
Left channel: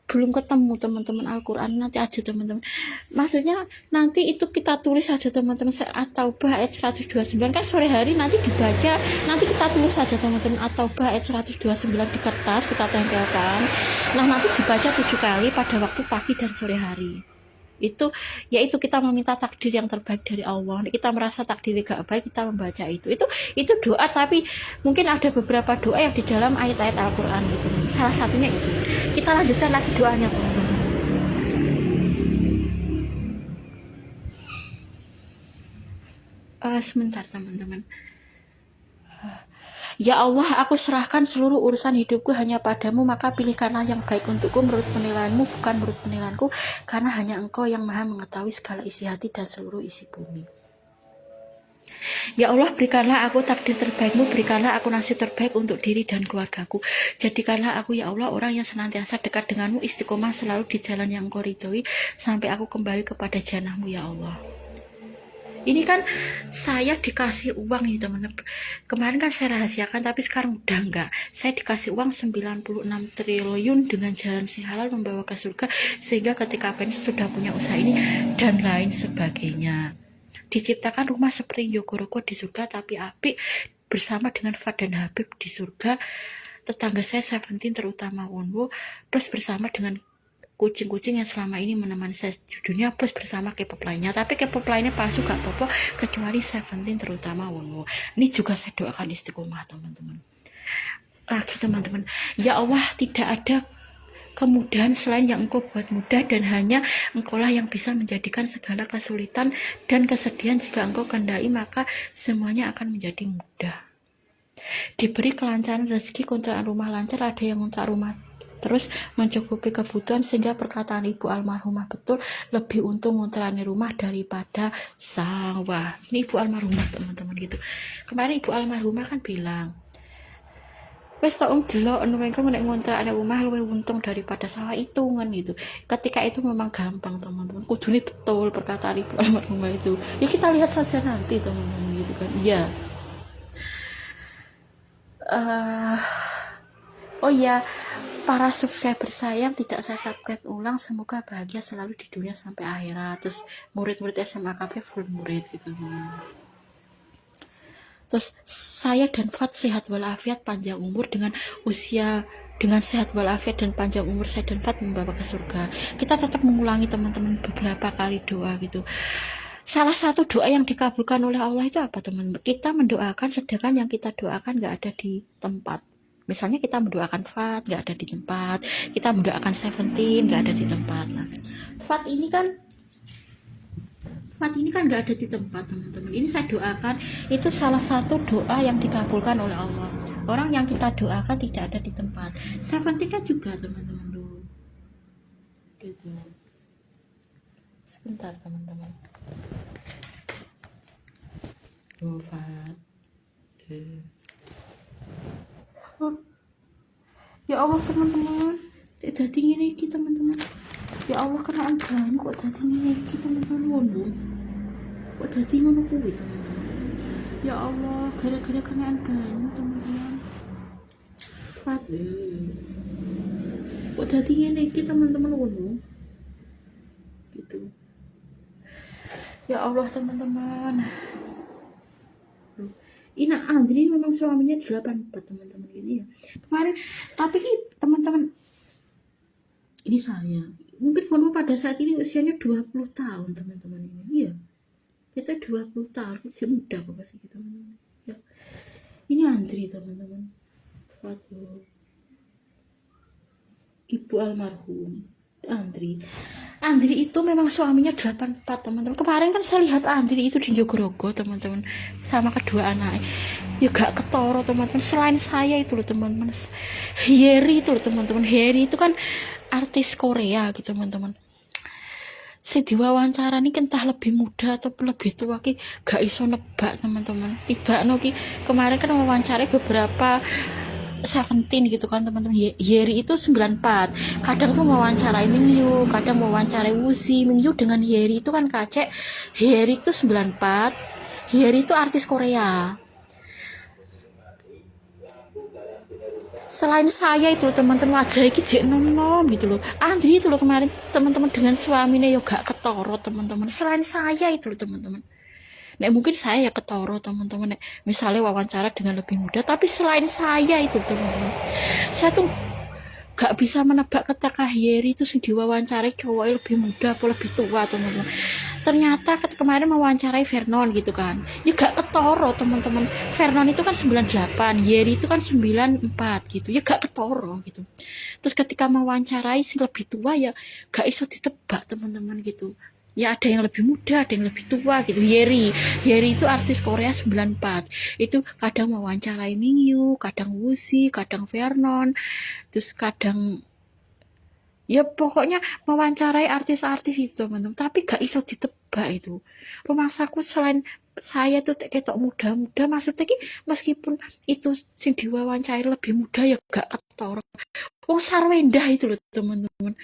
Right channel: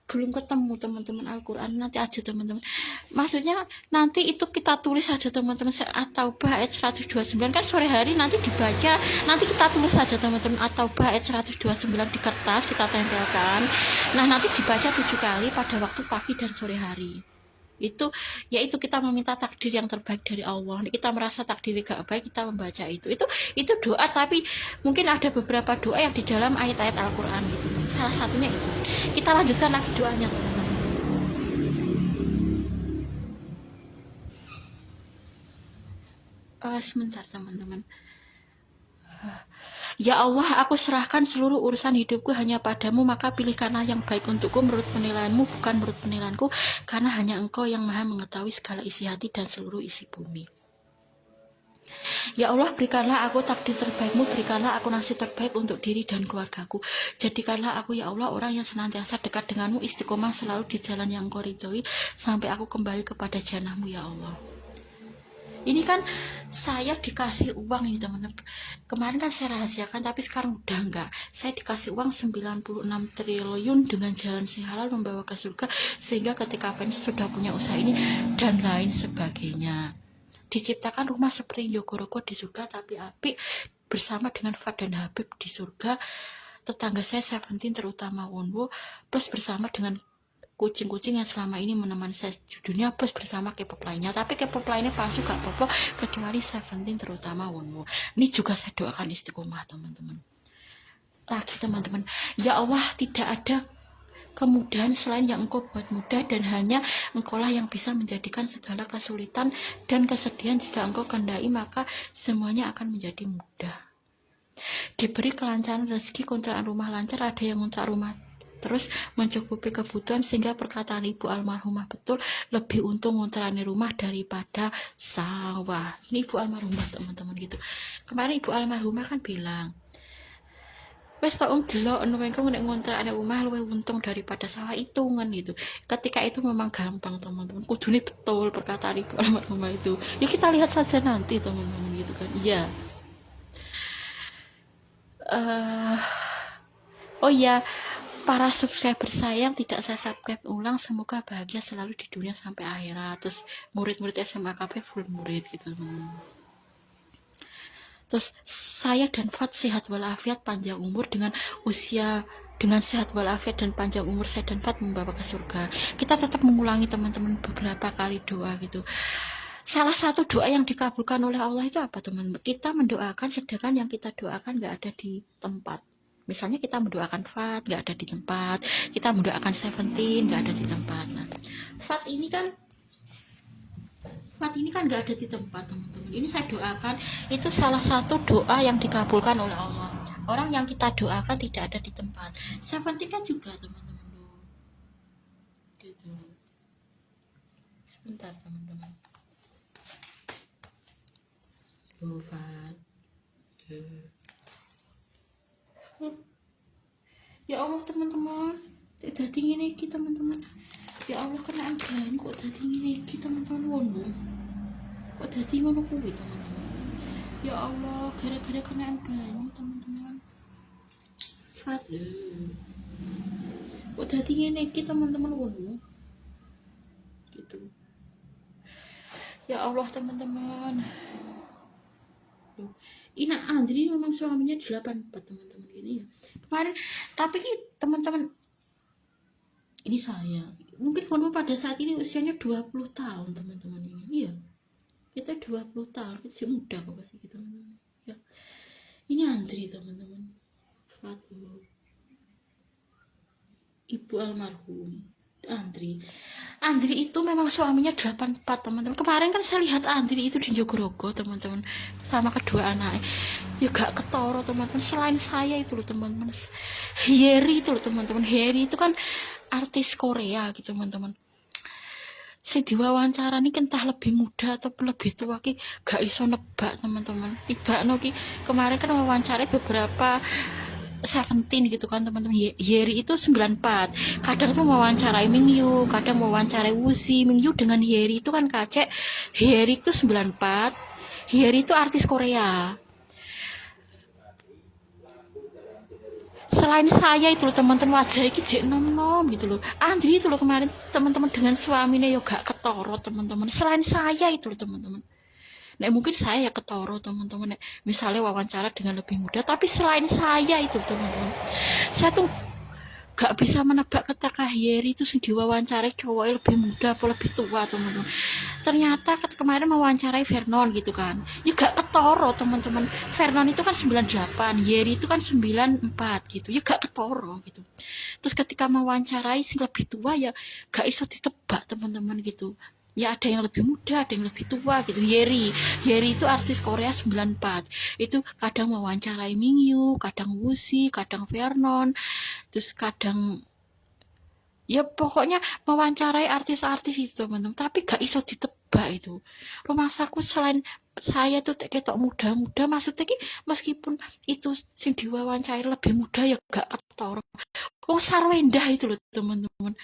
belum ketemu teman-teman Al-Quran, nanti aja teman-teman. Maksudnya nanti itu kita tulis aja teman-teman, At-Taubah ayat 129 kan sore hari nanti dibaca, nanti kita tulis aja teman-teman At-Taubah ayat 129 di kertas, kita tempelkan. Nah nanti dibaca 7 kali pada waktu pagi dan sore hari. Itu yaitu kita meminta takdir yang terbaik dari Allah. Kita merasa takdir gak baik, kita membaca itu doa, tapi mungkin ada beberapa doa yang di dalam ayat-ayat Al-Quran gitu. Salah satunya itu. Kita lanjutkan lagi doanya teman-teman. Sebentar teman-teman. Ya Allah, aku serahkan seluruh urusan hidupku hanya padamu, maka pilihkanlah yang baik untukku menurut penilaianmu, bukan menurut penilaianku, karena hanya engkau yang maha mengetahui segala isi hati dan seluruh isi bumi. Ya Allah, berikanlah aku takdir terbaikmu, berikanlah aku nasib terbaik untuk diri dan keluargaku. Jadikanlah aku ya Allah orang yang senantiasa dekat denganmu, istiqomah selalu di jalan yang kau ridhoi, sampai aku kembali kepada janahmu ya Allah. Ini kan saya dikasih uang ini teman-teman. Kemarin kan saya rahasiakan, tapi sekarang udah enggak. Saya dikasih uang 96 triliun dengan jalan sing halal membawa ke surga, sehingga ketika pensiun sudah punya usaha ini dan lain sebagainya. Diciptakan rumah seperti Jogorogo di surga, tapi apik bersama dengan Fad dan Habib di surga. Tetangga saya 17 terutama Wonwo, plus bersama dengan kucing-kucing yang selama ini menemani saya di dunia, plus bersama K-pop lainnya. Tapi K-pop lainnya palsu gak apa-apa, kecuali 17 terutama Wonwo. Ini juga saya doakan istiqomah teman-teman. Lagi teman-teman, ya Allah, tidak ada kemudahan selain yang engkau buat mudah, dan hanya engkaulah yang bisa menjadikan segala kesulitan dan kesedihan jika engkau kehendaki, maka semuanya akan menjadi mudah. Diberi kelancaran rezeki, kontrakan rumah lancar, ada yang kontrak rumah terus mencukupi kebutuhan, sehingga perkataan ibu almarhumah betul, lebih untung ngontrani rumah daripada sawah. Ini ibu almarhumah teman-teman gitu. Kemarin ibu almarhumah kan bilang, wes tak delok engko nek ngontrakne omah luwih untung daripada sawah, hitungan itu. Ketika itu memang gampang teman-teman, kudune betul perkataan ibu almarhumah itu. Ya kita lihat saja nanti teman-teman gitu kan. Iya. Oh iya, para subscriber saya yang tidak saya subscribe ulang, semoga bahagia selalu di dunia sampai akhirat. Terus murid-murid SMA KB full murid gitu teman. Terus saya dan Fat sehat walafiat, panjang umur, dengan sehat walafiat dan panjang umur saya dan Fat membawa ke surga. Kita tetap mengulangi teman-teman beberapa kali doa gitu. Salah satu doa yang dikabulkan oleh Allah itu apa teman? Kita mendoakan sedangkan yang kita doakan nggak ada di tempat. Misalnya kita mendoakan Fat nggak ada di tempat, kita mendoakan Seventeen nggak ada di tempat. Nah, Fat ini kan nggak ada di tempat teman-teman. Ini saya doakan, itu salah satu doa yang dikabulkan oleh Allah. Orang yang kita doakan tidak ada di tempat. Seventeen kan juga teman-teman loh. Gitu. Sebentar teman-teman. Fat. Ya Allah teman-teman, tidak dingin lagi teman-teman. Ya Allah, kenaan banyak kok dadi ngene iki teman-teman. Wono kok dadi ngono kuwi teman-teman. Ya Allah, gara-gara kenaan banyak teman-teman. Fat kok dadi ngene iki teman-teman. Wono gitu. Ya Allah teman-teman. Ini Andri memang suaminya 84 teman-teman gini ya. Kemarin tapi teman-teman, ini saya mungkin Wono pada saat ini usianya 20 tahun teman-teman ini. Iya, kita 20 tahun, masih muda kok masih gitu teman-teman ya. Ini Andri teman-teman, Fatu ibu almarhum Andri itu memang suaminya 84 teman-teman. Kemarin kan saya lihat Andri itu di Jogorogo teman-teman, sama kedua anaknya. Ya gak ketoro teman-teman. Selain saya itu loh teman-teman, Heri itu loh teman-teman. Heri itu kan artis Korea gitu teman-teman. Si diwawancara ini entah lebih muda atau lebih tua ki gak iso nebak teman-teman. Tiba ki kemarin kan wawancara beberapa Seventeen gitu kan teman-teman. Heri itu 94. Kadang tuh mewawancarai Mingyu, kadang mewawancarai Wuzi. Mingyu dengan Heri itu kan kacek. Heri itu 94. Heri itu artis Korea. Selain saya itu loh teman-teman, wajah iki jek nom-nom gitu loh. Andri itu loh kemarin teman-teman dengan suaminya yo gak ketoro teman-teman. Selain saya itu loh teman-teman. Nek mungkin saya ya ketoro teman-teman, nek misalnya wawancara dengan lebih muda, tapi selain saya itu teman-teman, saya tuh gak bisa menebak ketika Heri itu diwawancarai cowoknya lebih muda atau lebih tua teman-teman. Ternyata kemarin mewawancarai Vernon gitu kan, ya gak ketoro teman-teman. Vernon itu kan 98, Heri itu kan 94 gitu, ya gak ketoro gitu. Terus ketika mewawancarai sing lebih tua ya gak iso ditebak teman-teman gitu. Ya ada yang lebih muda, ada yang lebih tua gitu. Heri itu artis Korea 94. Itu kadang mewawancarai Mingyu, kadang Wuzi, kadang Vernon, terus kadang ya pokoknya mewawancarai artis-artis itu teman-teman. Tapi gak iso ditebak itu. Rumah saku selain saya tuh ketok muda-muda, maksudnya ki meskipun itu sing diwawancarai lebih muda ya gak ketoro. Wong Sarwendah itu loh teman-teman,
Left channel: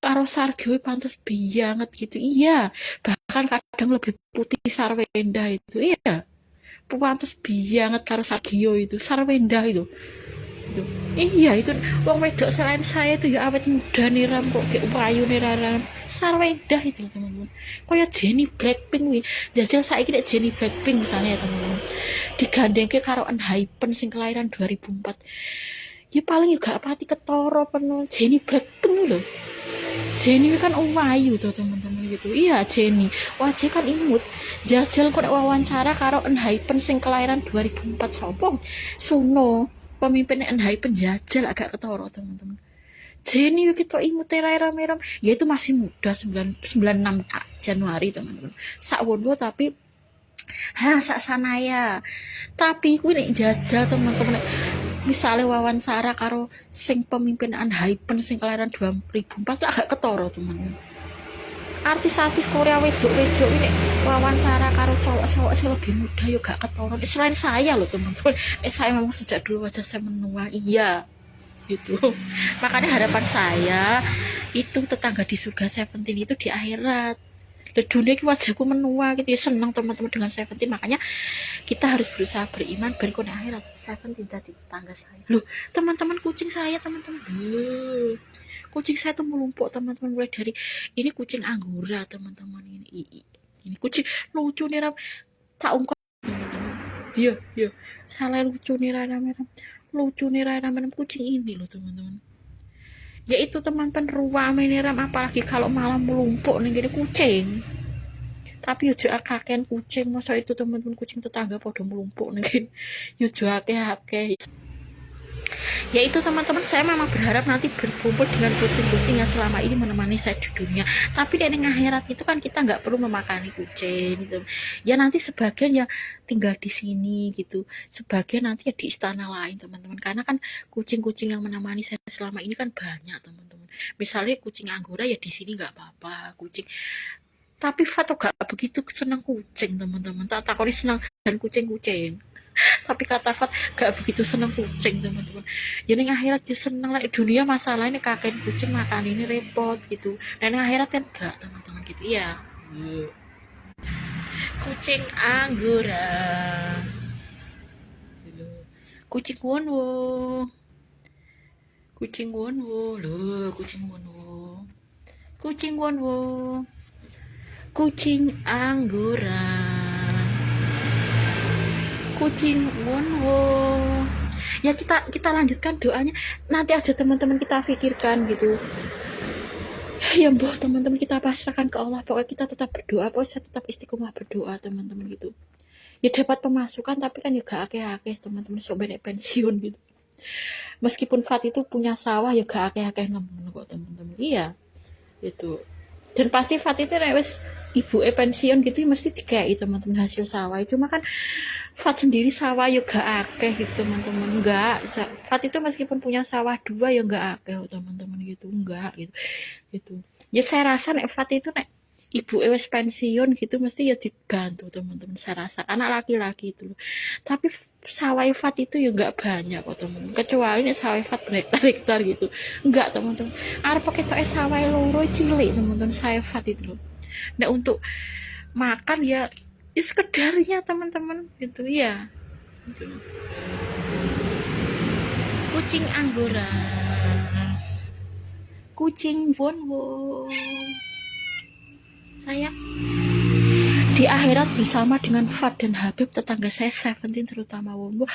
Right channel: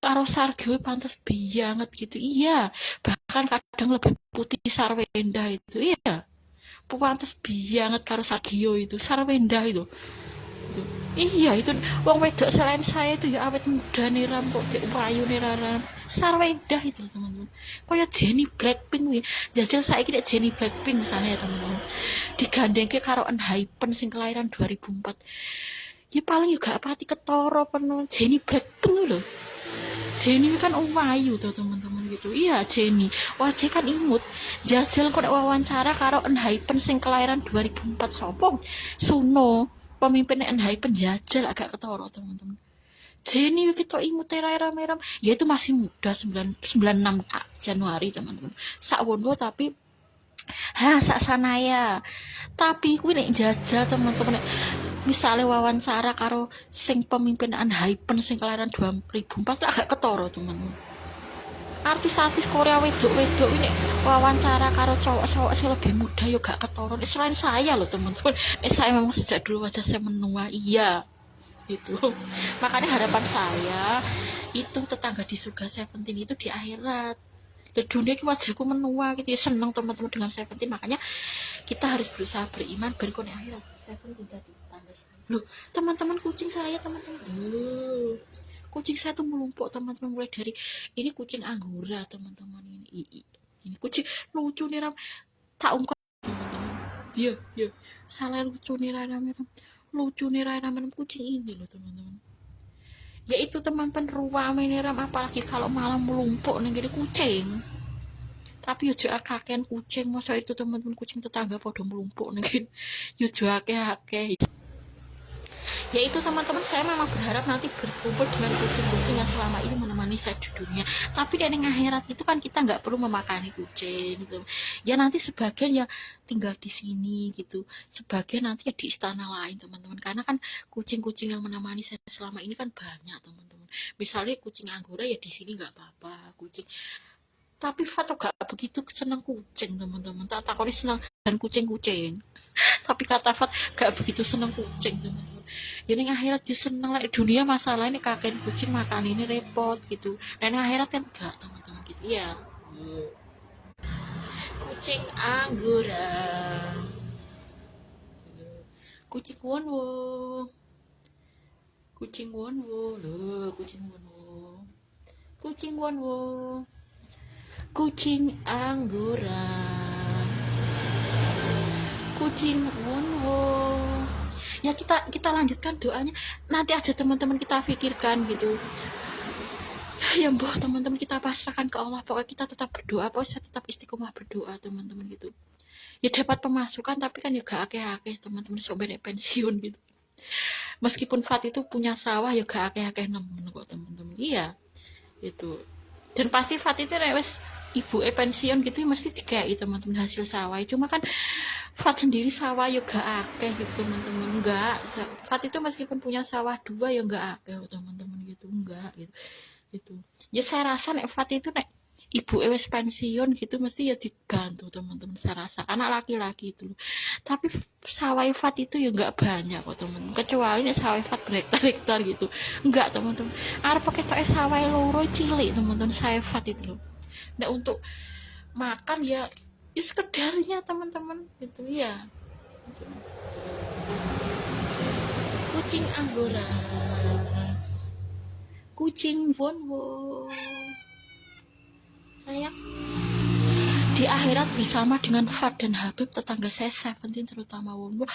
karo Sargyo pantas banget gitu. Iya, bahkan kadang lebih putih Sarwendah itu. Iya, pantas banget karo Sargyo itu. Sarwendah itu. Iya itu wong wedok selain saya itu ya awet muda niram kok payu niram. Sarwendah itu teman-teman. Kayak Jennie Blackpink nih. Jajal saiki nek Jennie Blackpink misalnya ya teman-teman, digandengke karo Enhypen sing kelahiran 2004. Ya paling juga pati ketoro penuh Jennie Blackpink lho. Jennie kan wayu tuh teman-teman gitu. Iya Jennie, wajah kan imut. Jajal kok wawancara karo Enhypen sing kelahiran 2004 sopong Suno, pemimpin Enhypen. Jajal agak ketoro teman-teman. Jennie kita imut terai-ram-ram. Ya itu masih muda, 96 Januari teman-teman. Sakwono tapi sak sanaya. Tapi kuwi nek jajal teman-teman, misalnya wawancara karo sing pemimpinan Hypen sing kelahiran 2004 agak ketoro teman. Artis-artis Korea wedok-wedok ini wawancara karo cowok-cowok sing lebih muda yo gak ketoro. Selain saya loh teman-teman, saya memang sejak dulu wajah saya menua, iya gitu. Makanya harapan saya itu tetangga di surga Seventeen itu di akhirat. Dan dunia wajahku menua gitu ya, senang teman-teman dengan Seventeen. Makanya kita harus berusaha beriman berikutnya akhirat. Seventeen tadi tetangga saya loh teman-teman, kucing saya teman-teman, kucing saya tuh melumpuk teman-teman, mulai dari ini kucing Anggora teman-teman, ini kucing lucu nih Ram, tak ungkap teman-teman, dia salah lucu nih Ram, lucu nih Ram, kucing ini loh teman-teman, yaitu teman-teman ruang ini Ram, apalagi kalau malam melumpuk nih jadi kucing. Tapi yo akaken kucing, masa itu teman-teman kucing tetangga pada melumpuk nih, yo akeh. Ya itu teman-teman, saya memang berharap nanti berkumpul dengan kucing-kucing yang selama ini menemani saya di dunia. Tapi dari akhirat itu kan kita nggak perlu memakani kucing gitu. Ya nanti sebagian ya tinggal di sini gitu, sebagian nanti ya di istana lain teman-teman. Karena kan kucing-kucing yang menemani saya selama ini kan banyak teman-teman. Misalnya kucing Anggora ya di sini nggak apa-apa, kucing. Tapi Fato gak begitu senang kucing teman-teman. Tak takoni senang dan kucing-kucing. Tapi kata Fat gak begitu senang kucing teman-teman. Jadi akhirat just senang lah. Dunia masalah ini kakek kucing makan ini repot gitu. Dan akhirat kan gak teman-teman gitu ya. Kucing Anggora, kucing Wonwo, kucing Wonwo loh, kucing Wonwo, kucing Wonwo, kucing Anggora, kucing Wonwo. Ya kita lanjutkan doanya nanti aja teman-teman, kita pikirkan gitu ya boh teman-teman, kita pasrahkan ke Allah. Pokoknya kita tetap berdoa, pokoknya tetap istiqomah berdoa teman-teman gitu. Ya dapat pemasukan tapi kan juga akeh-akeh teman-teman, sok benek pensiun gitu. Meskipun Fat itu punya sawah ya gak akeh-akeh nemen kok teman-teman, iya gitu. Dan pasti Fat itu nek wis ibu pensiun gitu mesti dikai teman-teman hasil sawah. Cuma kan Fat sendiri sawah ya gak akeh gitu teman-teman, enggak. Fat itu meskipun punya sawah 2 ya enggak akeh teman-teman gitu, enggak gitu. Ya saya rasa nek Fat itu nek ibu wis pensiun gitu mesti ya dibantu teman-teman, saya rasa anak laki-laki itu loh. Tapi sawah Fat itu ya enggak banyak kok teman-teman, kecuali nek sawah Fat berhektar-hektar gitu, enggak teman-teman. Arep pakai tok sawah loro cilik teman-teman, sawah Fat itu loh. Nek untuk makan ya sekedarnya teman-teman gitu ya gitu. Kucing Anggora, kucing Wonwo sayang, di akhirat bersama dengan Fat dan Habib tetangga saya Seventeen terutama Wonwo,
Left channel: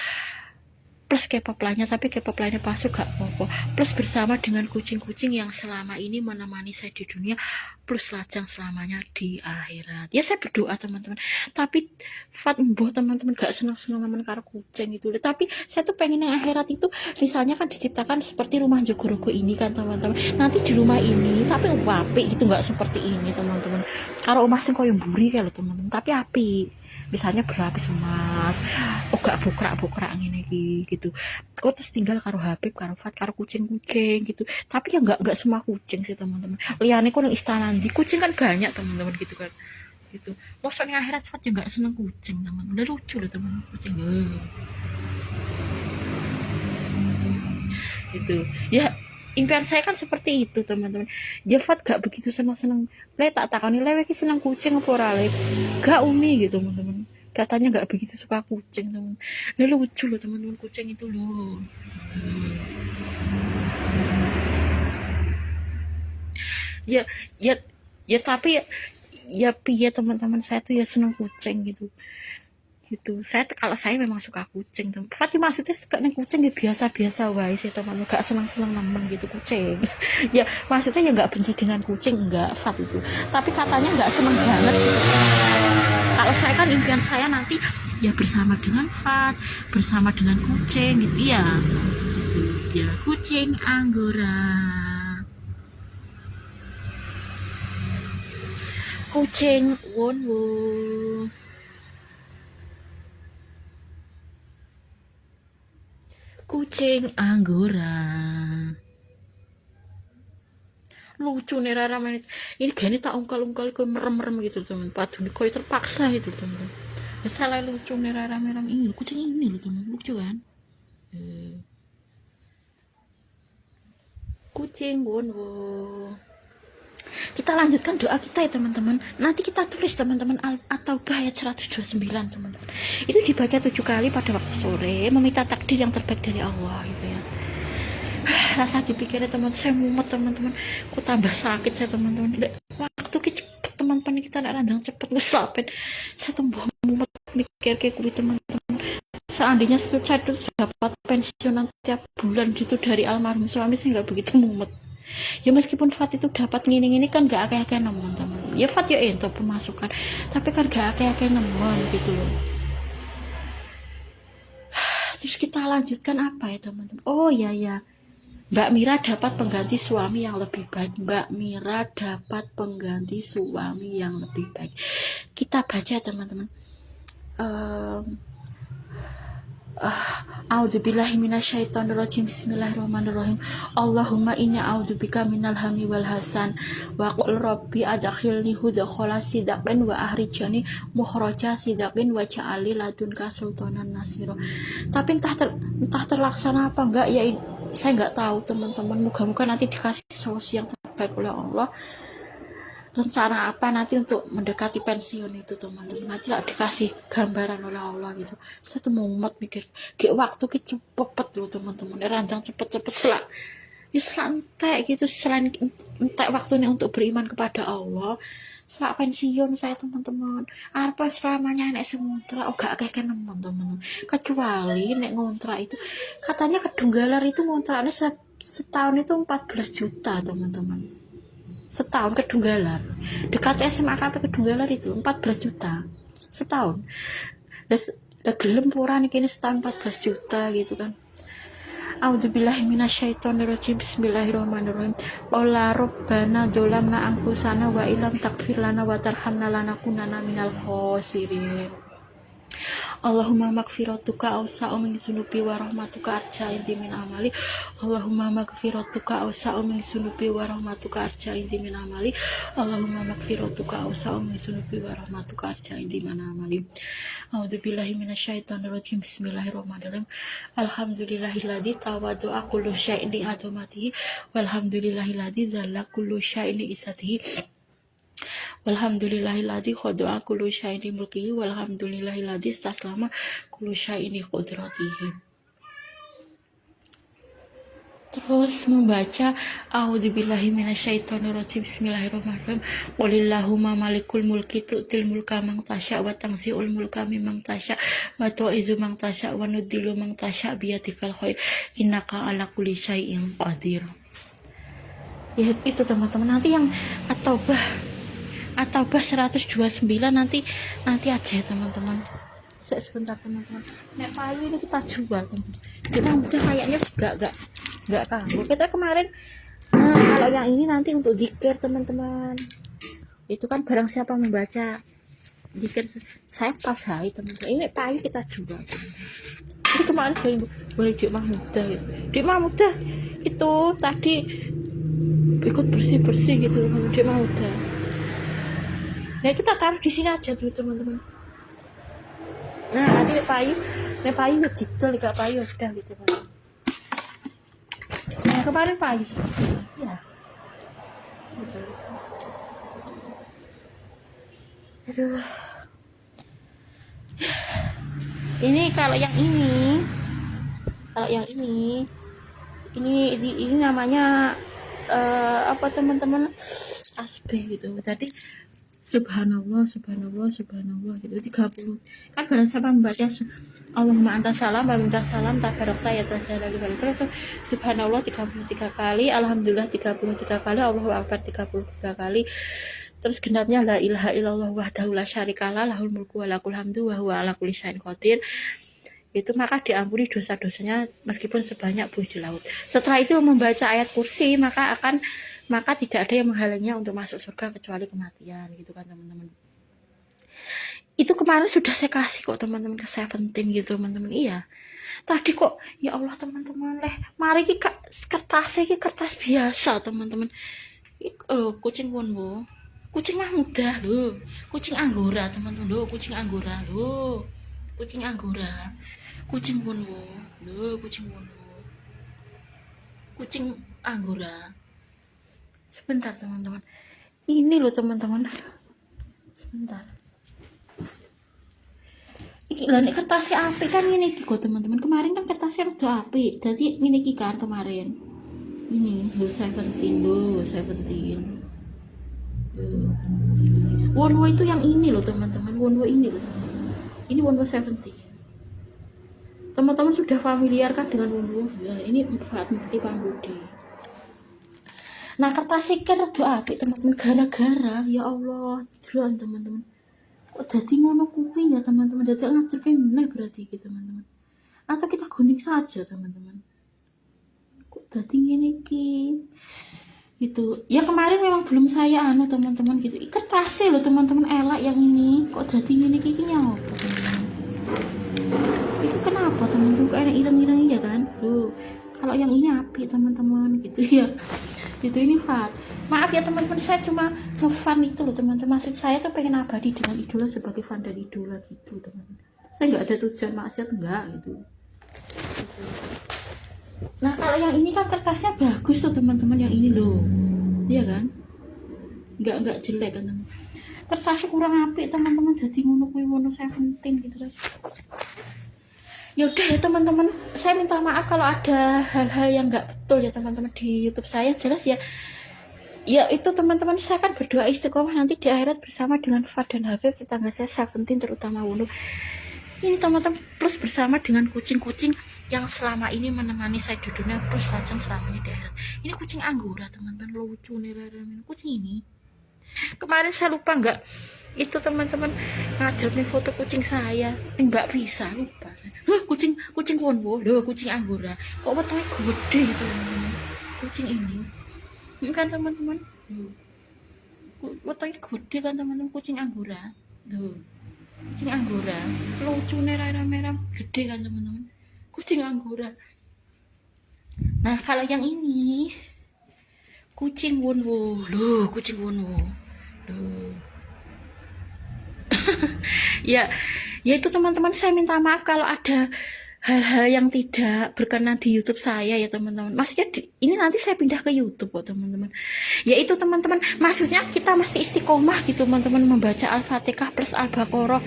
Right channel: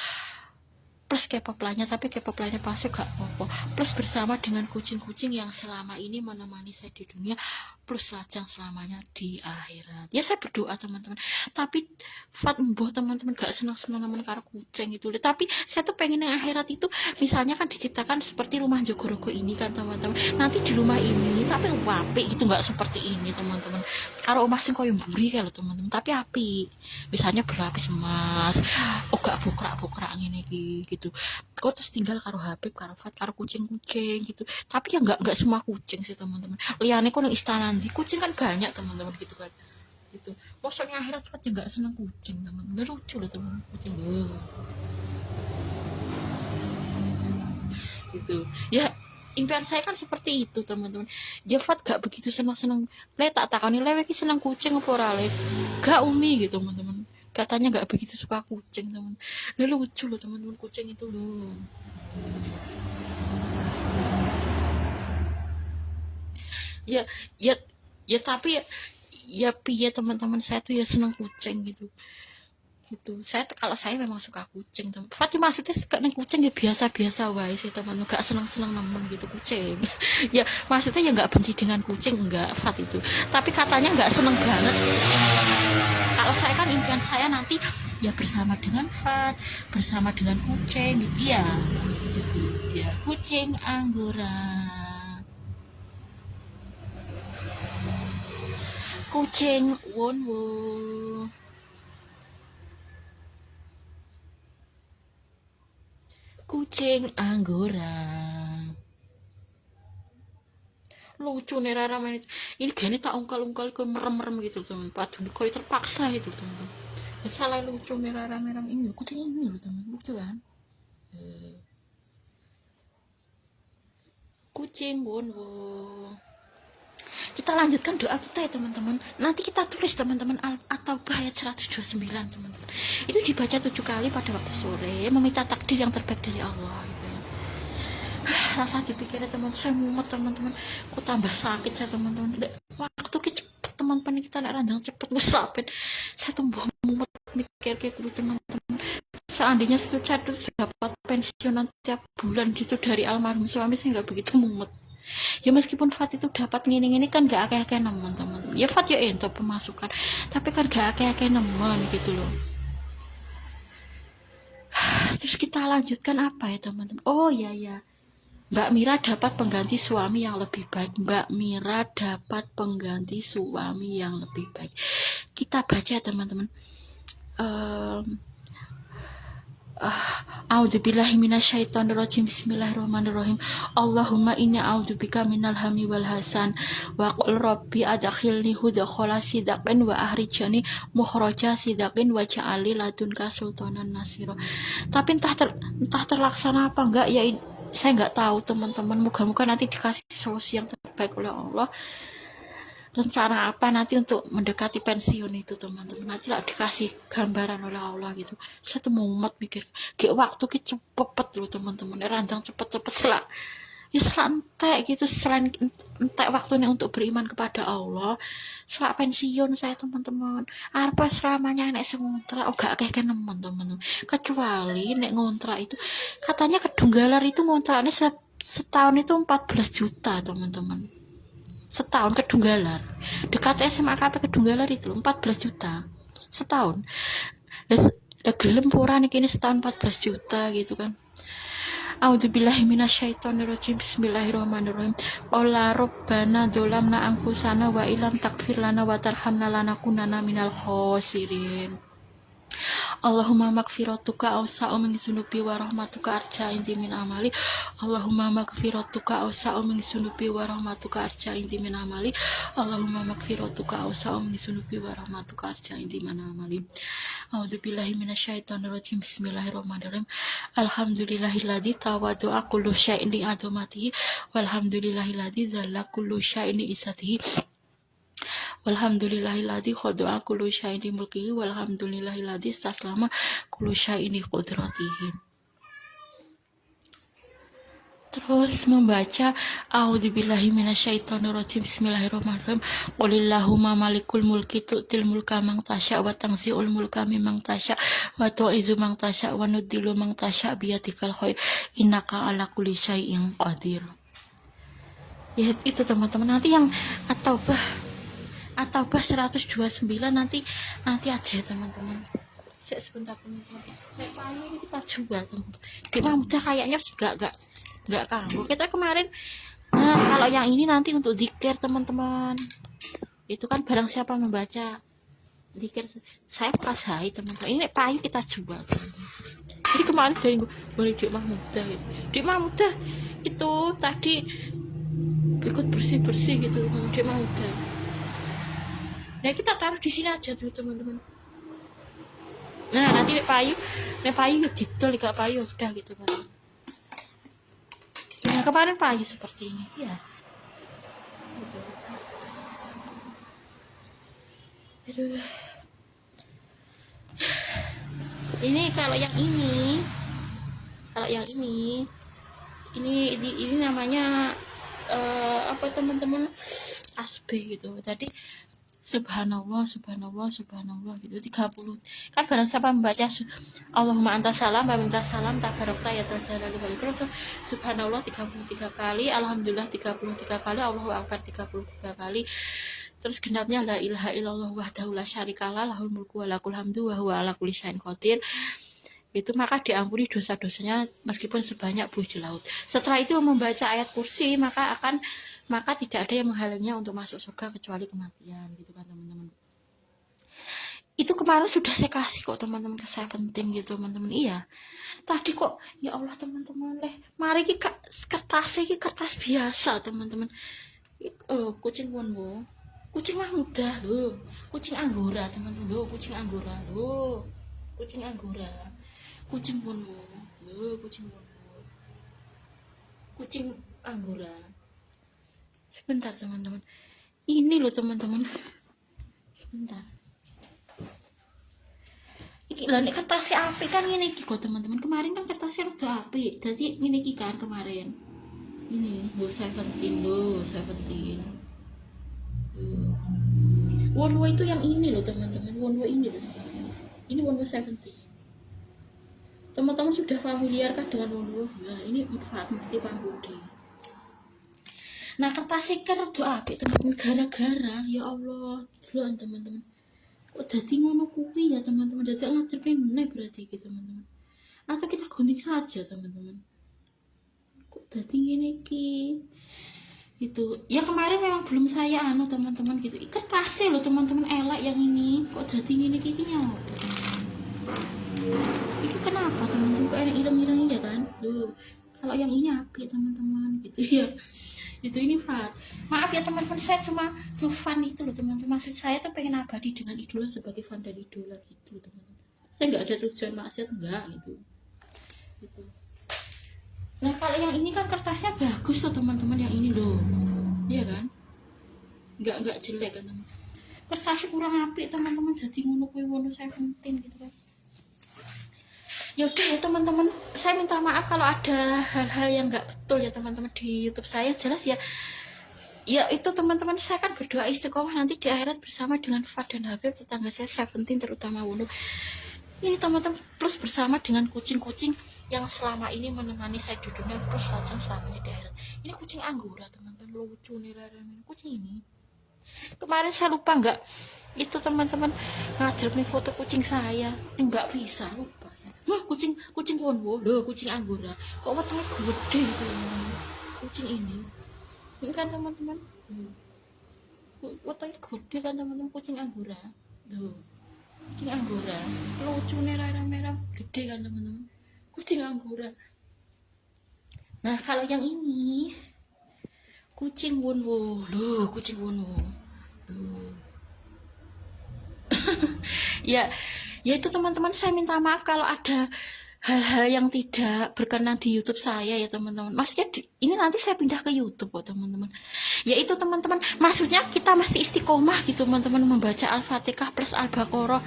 plus K-pop lainnya, tapi K-pop lainnya pasti gak apa-apa, plus bersama dengan kucing-kucing yang selama ini menemani saya di dunia, plus lajang selamanya di akhirat. Ya saya berdoa teman-teman, tapi Fat mboh teman-teman gak senang-senang teman karo kucing itu. Tapi saya tuh pengen yang akhirat itu misalnya kan diciptakan seperti rumah Jogorogo ini kan teman-teman, nanti di rumah ini tapi apik gitu, gak seperti ini teman-teman. Karo omah sing koyo mburi kalau teman-teman, tapi apik, misalnya berlapis emas, gak bukrak-bukrak ngene iki gitu. Kok terus tinggal karo Habib, karo Fat, karo kucing-kucing gitu. Tapi ya nggak semua kucing sih teman-teman. Liane kok nang istana di kucing kan banyak teman-teman gitu kan. Gitu. Maksudnya akhirat Fat juga seneng kucing teman-teman. Udah lucu lah teman kucing. Gitu. Ya impian saya kan seperti itu teman-teman. Jafat gak begitu senang-senang. Tak takoni lewe ki seneng kucing apa ora le. Gak umi gitu teman-teman. Katanya nggak begitu suka kucing teman. Ini lucu loh teman-teman, kucing itu loh. Ya ya ya tapi ya piye teman-teman, saya tuh ya seneng kucing gitu. Saya kalau saya memang suka kucing teman. Fatih maksudnya suka neng kucing ya biasa-biasa wae sih teman, gak senang-senang nemen gitu kucing. Ya maksudnya ya nggak benci dengan kucing, enggak Fat itu. Tapi katanya nggak seneng banget. Kalau saya kan impian saya nanti ya bersama dengan Fat, bersama dengan kucing gitu ya. Gitu. Ya kucing Anggora, kucing Wonwo, kucing Anggora. Lucu nih Rara manis. Ini gini tak ungkal-ungkal ke merem-merem gitu teman. Padahal kok terpaksa gitu teman. Ya salah lucu nih Rara merem ini. Kucing ini loh teman. Lucu kan? Kucing Bonwo. Kita lanjutkan doa kita ya teman-teman. Nanti kita tulis teman-teman atau ayat 129 teman-teman. Itu dibaca 7 kali pada waktu sore, meminta takdir yang terbaik dari Allah gitu ya. Rasa dipikirnya teman, saya mumet teman-teman. Kok tambah sakit saya teman-teman. Waktu cepet teman-teman, kita nak landang cepet gue selapen. Saya tambah mumet mikir kayak gue teman-teman. Seandainya saya tuh dapat pensiunan tiap bulan gitu dari almarhum suami, saya nggak begitu mumet. Ya meskipun Fat itu dapat ngini-ngini kan gak akeh-akeh nemen teman. Ya Fat ya ente pemasukan, tapi kan gak akeh-akeh nemen gitu loh. Terus kita lanjutkan apa ya teman-teman? Oh ya ya, Mbak Mira dapat pengganti suami yang lebih baik. Mbak Mira dapat pengganti suami yang lebih baik. Kita baca teman-teman. A'udzubillahi minasyaitonirrajim. Bismillahirrahmanirrahim. Allahumma inni a'udzubika minal hammi wal hasan wa qul rabbi adkhilni hudkhala sidaqin wa ahrijani mukhraja sidaqin wa ja'alni ladunka sultanan nasira. Tapi entah terlaksana apa enggak ya, saya enggak tahu teman-teman. Moga-moga nanti dikasih solusi yang terbaik oleh Allah. Rencana apa nanti untuk mendekati pensiun itu teman-teman, nanti lah dikasih gambaran oleh Allah gitu. Saya tuh mumet mikir kayak waktu kita cepet loh teman-teman, randang cepet-cepet selak entek gitu. Selain entek waktunya untuk beriman kepada Allah, selak pensiun saya teman-teman. Apa selamanya nek ngontrak gak kayak teman-teman, kecuali nek ngontrak itu katanya kedunggalar itu ngontraknya setahun itu 14 juta teman-teman. Setahun kedunggalar dekat SMA kata kedunggalar itu 14 juta setahun. Nah gelem pura nih kini setahun 14 juta gitu kan. A'udzubillahi minasyaitonirrajim. Bismillahirrahmanirrahim. Qala rabbana dzalamna anfusana wa illam taghfir lana wa tarhamna lanakunanna minal khosirin. Allahumma magfiratuka awsa'u min sunubi wa rahmatuka arja inti min amali. Allahumma magfiratuka awsa'u min sunubi wa rahmatuka arja inti min amali. Allahumma magfiratuka awsa'u min sunubi wa rahmatuka arja inti min amali. A'udzubillahi minasyaitonirrajim. Bismillahirrahmanirrahim. Alhamdulillahilladzi tawaddu'a kullu syai'in li adamatihi walhamdulillahilladzi dzalla kullu syai'in li isatihi. Walhamdulillahilladzi khada'a kullu syai'in mulkihi walhamdulillahilladzi istaslama kullu syai'in qudratihi. Terus membaca a'udzubillahi minasyaitonirrajim. Bismillahirrahmanirrahim. Qulillahumma malikul mulki tu'til mulka man tasya wa tanzi'ul mulka mimman tasya wa tu'izzu man tasya wa nudillu man tasya biyadikal khair innaka ala kulli syai'in qadir. Ya itu teman-teman, nanti yang atau 129 nanti aja teman-teman. Sebentar teman-teman, nek payu ini kita jual teman-teman. Kita udah kayaknya enggak kanggo kita kemarin. Nah kalau yang ini nanti untuk zikir teman-teman, itu kan barang siapa membaca zikir saya kasih teman-teman. Ini payu kita jual teman-teman. Ini kemarin dari boleh Dik Mahmudah itu tadi ikut bersih gitu Dik Mahmudah. Nah kita taruh di sini aja dulu teman-teman. Nah nanti payu didol gak payu udah gitu kan. Nah kemarin payu seperti ini ya. Gitu. Aduh. Ini kalau yang ini namanya apa teman-teman, asbe gitu. Tadi subhanallah gitu 30 kan. Barang siapa membaca Allahumma anta salam wa minta salam tabarakta ya tajalal wal ikram, subhanallah 33 kali, alhamdulillah 33 kali, Allahu akbar 33 kali, terus genapnya la ilaha illallah wahdahu la syarikalah lahul mulku wa lakul hamdu wa huwa ala kulli syai'in qadir. Itu maka diampuni dosa-dosanya meskipun sebanyak buih di laut. Setelah itu membaca ayat kursi, maka tidak ada yang menghalangnya untuk masuk surga kecuali kematian gitu kan teman-teman. Itu kemarin sudah saya kasih kok teman-teman ke 17 gitu teman-teman. Iya Tadi kok ya Allah teman-teman mari ki kertas iki kertas biasa teman-teman. Kucing wonwo. Kucing mah mudah lho. Kucing anggora teman-teman lho, kucing anggora lho. Kucing anggora. Kucing wonwo. Lho, kucing wonwo. Kucing anggora. Sebentar teman-teman. Ini loh teman-teman. Sebentar. Iki lho nek kertasnya apik kan ngene iki kok teman-teman. Kemarin kan kertasnya udah apik. Dadi ngene iki kan kemarin. Ini lho 17 lho, 17. Wonwo itu yang ini loh teman-teman. Wonwo ini loh teman-teman. Ini Wonwo 17. Teman-teman sudah familiar kan dengan Wonwo? Nah, ini Fat Mufti Pambudi. Nah, kertasnya kan rada apik teman-teman gara-gara ya Allah, delok teman-teman. Kok dadi ngono kuwi ya teman-teman, dadi ngaturke meneh berarti iki teman-teman. Atau kita gunting saja teman-teman. Kok dadi ngene iki? Itu ya kemarin memang belum saya teman-teman gitu. Kertasnya loh teman-teman elak yang ini. Kok dadi ngene iki nyawa teman-teman. Itu kenapa teman-teman kok ada ireng-ireng ya kan? Loh, kalau yang ini apik teman-teman gitu ya. Itu ini Fat. Maaf ya teman-teman, saya cuma nge-fun itu loh teman-teman. Maksud saya tuh pengen abadi dengan idola sebagai fan dan idola gitu teman-teman. Saya nggak ada tujuan maksiat enggak gitu. Nah kalau yang ini kan kertasnya bagus tuh teman-teman, yang ini loh, iya kan? Nggak jelek kan teman. Kertasnya kurang apik teman-teman, jadi ngono kuwi ngono 17 gitu kan. Yaudah ya teman-teman, saya minta maaf kalau ada hal-hal yang nggak betul ya teman-teman di YouTube saya. Jelas ya, ya itu teman-teman, saya kan berdoa istiqomah nanti di akhirat bersama dengan Fat dan Habib, tetangga saya 17 terutama Wundu. Ini teman-teman, plus bersama dengan kucing-kucing yang selama ini menemani saya di dunia, plus lajeng selamanya di akhirat. Ini kucing anggora teman-teman, lucu nih kucing ini. Kemarin saya lupa nggak itu teman-teman ngajarnya foto kucing saya, nggak bisa lupa saya. Kucing Wonwo, kucing anggora, kok wetenge gede gitu teman-teman. Kucing ini kan teman-teman, wetenge gede kan teman-teman, kucing anggora, kucing anggora, lucu merah gede kan teman-teman, kucing anggora. Nah kalau yang ini kucing Wonwo, kucing Wonwo, ya itu teman-teman, saya minta maaf kalau ada hal-hal yang tidak berkenan di YouTube saya ya teman-teman. Maksudnya ini nanti saya pindah ke YouTube kok teman-teman. Ya itu teman-teman, maksudnya kita mesti istiqomah gitu teman-teman, membaca Al-Fatihah plus Al-Baqarah.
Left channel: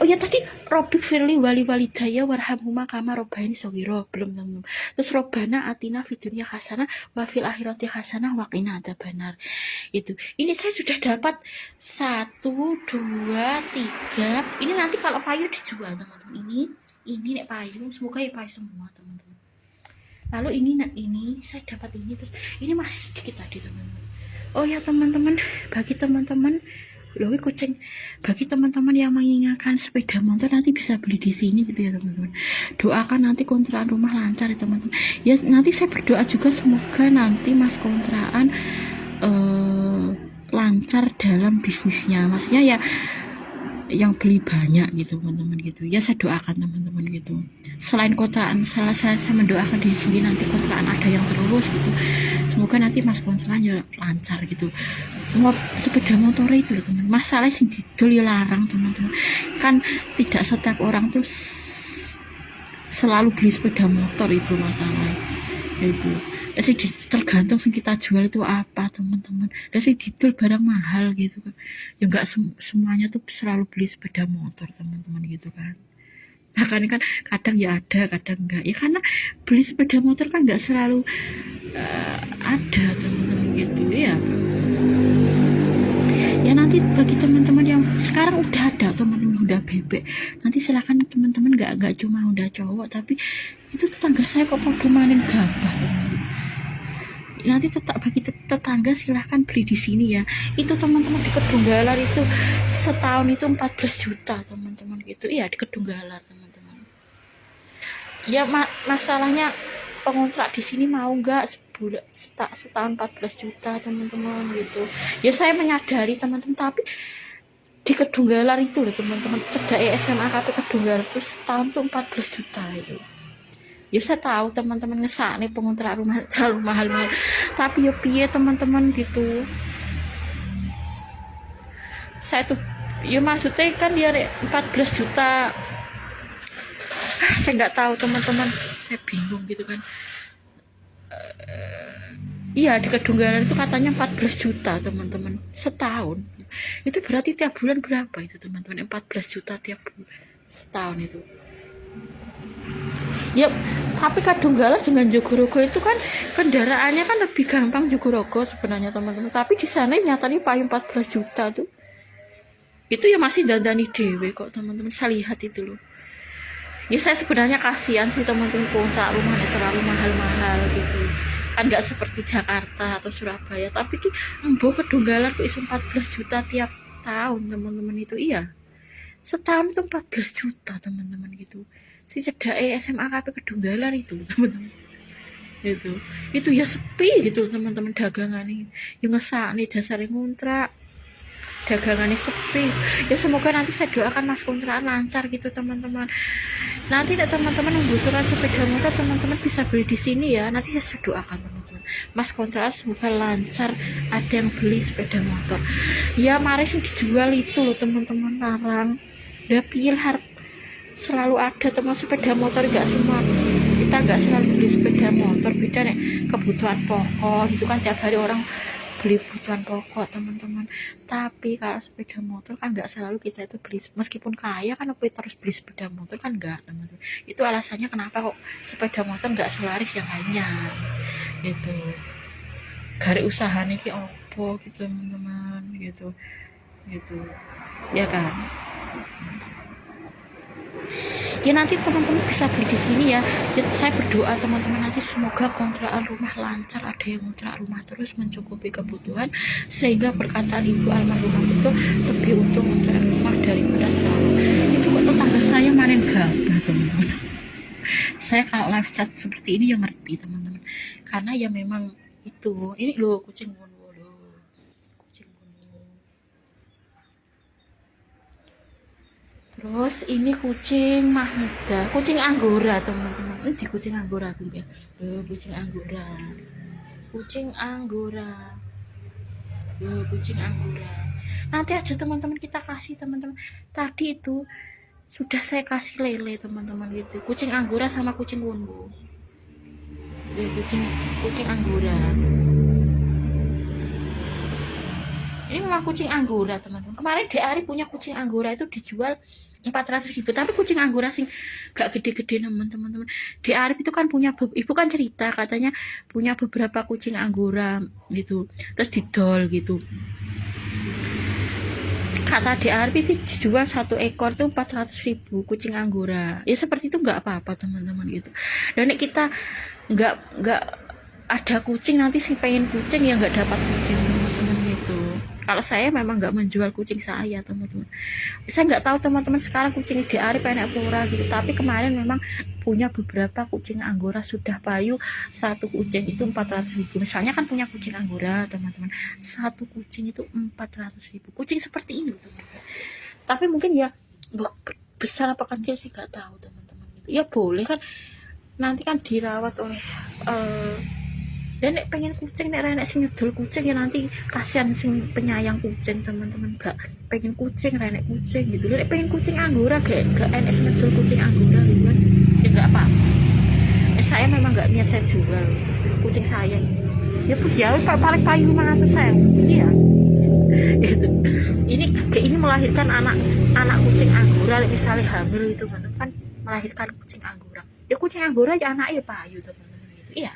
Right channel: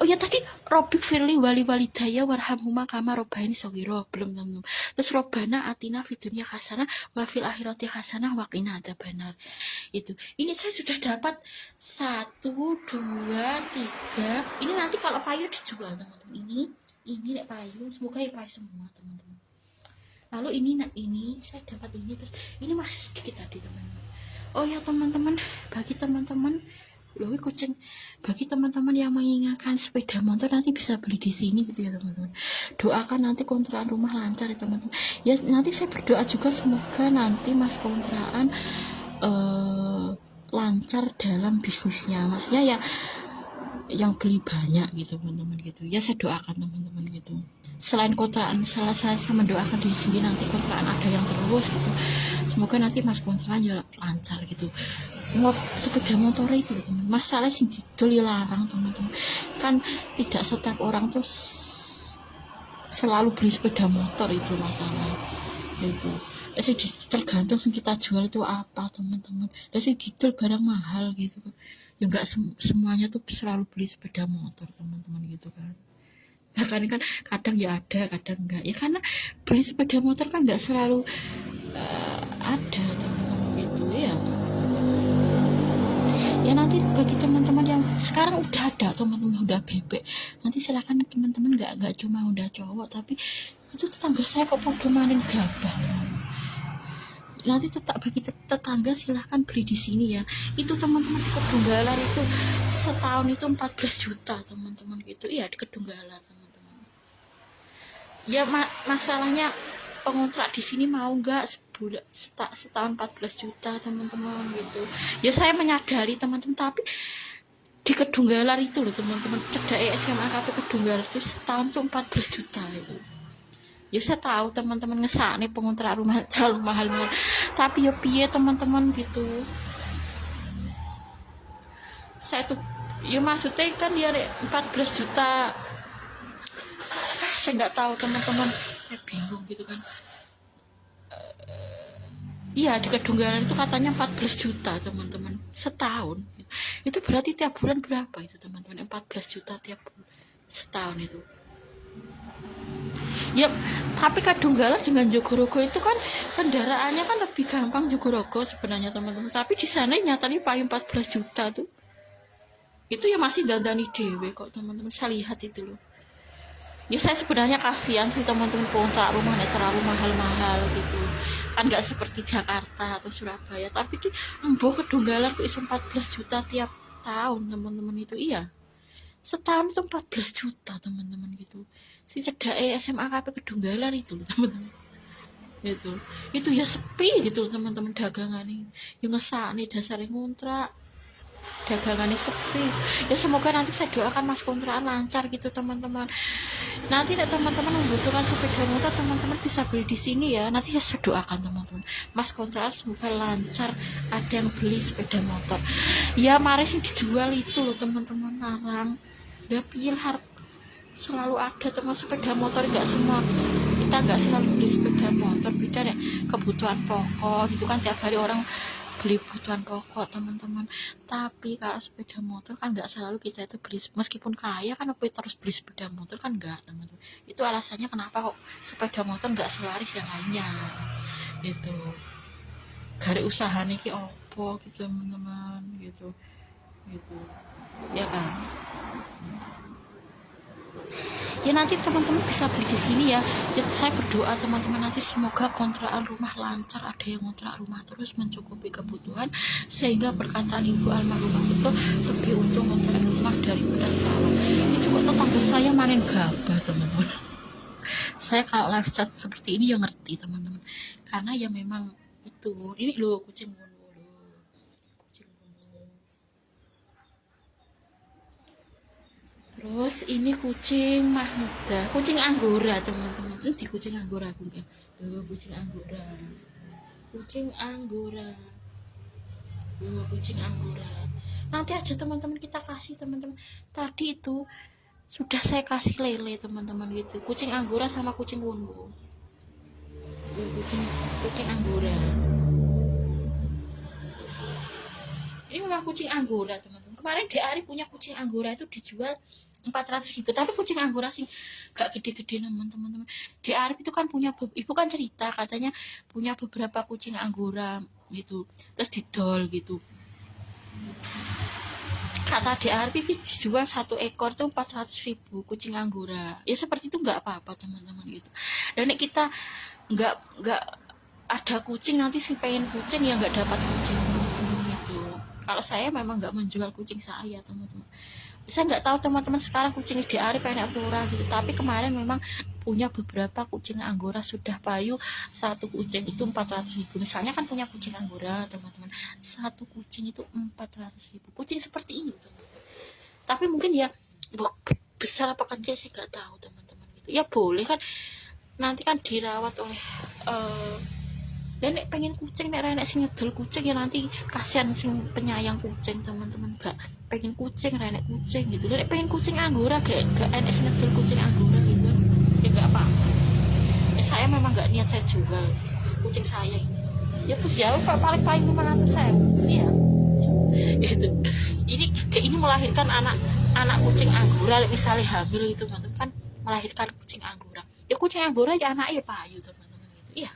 Oh ya tadi Robik Firli wali walidaya warhamhuma kama robbaini shogiro belum teman-teman. Terus Robbana atina fid dunya hasanah wa fil akhirati hasanah wa qina adzabannar. Itu. Ini saya sudah dapat 1 2 3. Ini nanti kalau payu dijual teman-teman. Ini nek payu, semoga ya payu semua teman-teman. Lalu ini saya dapat ini, terus ini masih sedikit tadi teman-teman. Oh ya teman-teman, bagi teman-teman kucing, bagi teman-teman yang menginginkan sepeda motor nanti bisa beli di sini gitu ya teman-teman. Doakan nanti kontrakan rumah lancar ya teman-teman. Ya nanti saya berdoa juga semoga nanti mas kontrakan lancar dalam bisnisnya. Maksudnya ya yang beli banyak gitu teman-teman gitu. Ya saya doakan teman-teman gitu. Selain kontrakan, saya mendoakan di sini nanti kontrakan ada yang terus gitu. Semoga nanti mas kontrakannya lancar gitu. Sepeda motor itu loh teman, masalah sing didol ya larang teman-teman. Kan tidak setiap orang tuh selalu beli sepeda motor, itu masalah itu. Jadi tergantung sing kita jual itu apa teman-teman. Jadi didol barang mahal gitu kan. Ya enggak semuanya tuh selalu beli sepeda motor teman-teman gitu kan. Makanya kan kadang ya ada, kadang enggak. Ya karena beli sepeda motor kan enggak selalu ada teman-teman gitu ya. Ya nanti bagi teman-teman yang sekarang udah ada teman-teman udah bebek, nanti silakan teman-teman nggak cuma udah cowok, tapi itu tetangga saya kok podo mainin gabah teman-teman. Nanti bagi tetangga silahkan beli di sini ya. Itu teman-teman di Kedunggalar itu setahun itu 14 juta teman-teman gitu. Iya di Kedunggalar teman-teman. Ya masalahnya pengontrak di sini mau nggak setahun 14 juta teman-teman gitu. Ya saya menyadari teman-teman, tapi di Kedunggalar itu loh teman-teman, cedek SMA KP Kedunggalar itu setahun tuh 14 juta itu. Ya saya tahu teman-teman ngesakne pengontrak rumah terlalu mahal-mahal, tapi ya piye teman-teman gitu. Saya tuh ya maksudnya kan dia 14 juta. Saya nggak tahu teman-teman, saya bingung gitu kan. Iya di Kedunggalar itu katanya 14 juta teman-teman setahun. Itu berarti tiap bulan berapa itu teman-teman? 14 juta tiap bulan setahun itu. Ya tapi Kedunggalar dengan Jogorogo itu kan kendaraannya kan lebih gampang Jogorogo sebenarnya teman-teman, tapi di sana nyatanya paling 14 juta tuh. Itu ya masih dandani dewe kok teman-teman, saya lihat itu loh. Ya saya sebenarnya kasihan sih teman-teman, puncak rumahnya terlalu mahal-mahal gitu kan, nggak seperti Jakarta atau Surabaya. Tapi ki embo Kedunggalar kok iso 14 juta tiap tahun teman-teman itu. Iya setahun itu 14 juta teman-teman gitu. Si cedake SMA KP Kedunggalar itu teman-teman, itu ya sepi gitu teman-teman, dagangannya ya ngesakne dasare ngontrak, dagangannya sepi. Ya semoga nanti saya doakan mas kontrakan lancar gitu teman-teman. Nanti teman-teman membutuhkan sepeda motor, teman-teman bisa beli di sini ya. Nanti saya doakan teman-teman mas kontrakan semoga lancar, ada yang beli sepeda motor. Ya mari sih dijual itu loh teman-teman, larang udah pilih selalu ada teman sepeda motor. Nggak semua kita nggak selalu beli sepeda motor, beda nih kebutuhan pokok gitu kan, tiap hari orang beli kebutuhan pokok teman-teman. Tapi kalau sepeda motor kan nggak selalu kita itu beli, meskipun kaya kan apa terus beli sepeda motor kan enggak teman-teman. Itu alasannya kenapa kok sepeda motor nggak selaris yang lainnya gitu. Gari usaha nih ki opo gitu teman-teman gitu ya kan. Ya nanti teman-teman bisa beli di sini ya. Saya berdoa teman-teman nanti semoga kontrakan rumah lancar, ada yang kontrak rumah terus mencukupi kebutuhan, sehingga perkataan ibu almarhumah itu lebih untung kontrak rumah daripada sawah. Itu kok tetangga saya manen gabah teman-teman. Saya kalau live chat seperti ini ya ngerti teman-teman, karena ya memang itu. Ini loh kucing Wonwo loh, kucing Wonwo. Terus ini kucing Mahmuda, kucing Anggora teman-teman. Ini kucing Anggora aku ya. Kucing Anggora. Kucing Anggora. Kucing Anggora. Nanti aja teman-teman kita kasih teman-teman. Tadi itu sudah saya kasih lele teman-teman gitu. Kucing Anggora sama kucing Wonwo. Kucing Anggora. Ini memang kucing Anggora teman-teman. Kemarin Ari punya kucing Anggora itu dijual 400.000, tapi kucing Anggora sih gak gede-gede teman-teman. Ari itu kan punya, ibu kan cerita katanya punya beberapa kucing Anggora gitu, terus didol gitu. Kata Ari sih dijual 1 ekor tuh 400.000 kucing Anggora. Ya seperti itu nggak apa-apa teman-teman gitu. Dan kita nggak ada kucing, nanti sih pengen kucing ya nggak dapat kucing teman-teman gitu. Kalau saya memang nggak menjual kucing saya teman-teman. Saya nggak tahu teman-teman sekarang kucing Ari pengen apa gitu. Tapi kemarin memang punya beberapa kucing Anggora sudah payu. 1 kucing itu 400.000. Misalnya kan punya kucing Anggora teman-teman, 1 kucing itu 400.000. Kucing seperti ini teman-teman. Tapi mungkin ya besar apa kecil saya nggak tahu teman-teman gitu. Ya boleh kan, nanti kan dirawat oleh dan pengen kucing, nek sing nyedol kucing ya nanti kasihan sing penyayang kucing teman-teman, gak pengen kucing nek kucing gitu. Nek pengen kucing Anggora gak enak sing nyedol kucing Anggora gitu kan, ya gak apa-apa. Saya memang gak niat saya jual gitu kucing saya ini. Ya bos ya paling paling 500.000 ya gitu. Ini melahirkan anak kucing Anggora, misalnya hamil itu teman-teman kan, melahirkan kucing Anggora. Ya kucing Anggora ya anaknya payu teman-teman gitu. Iya.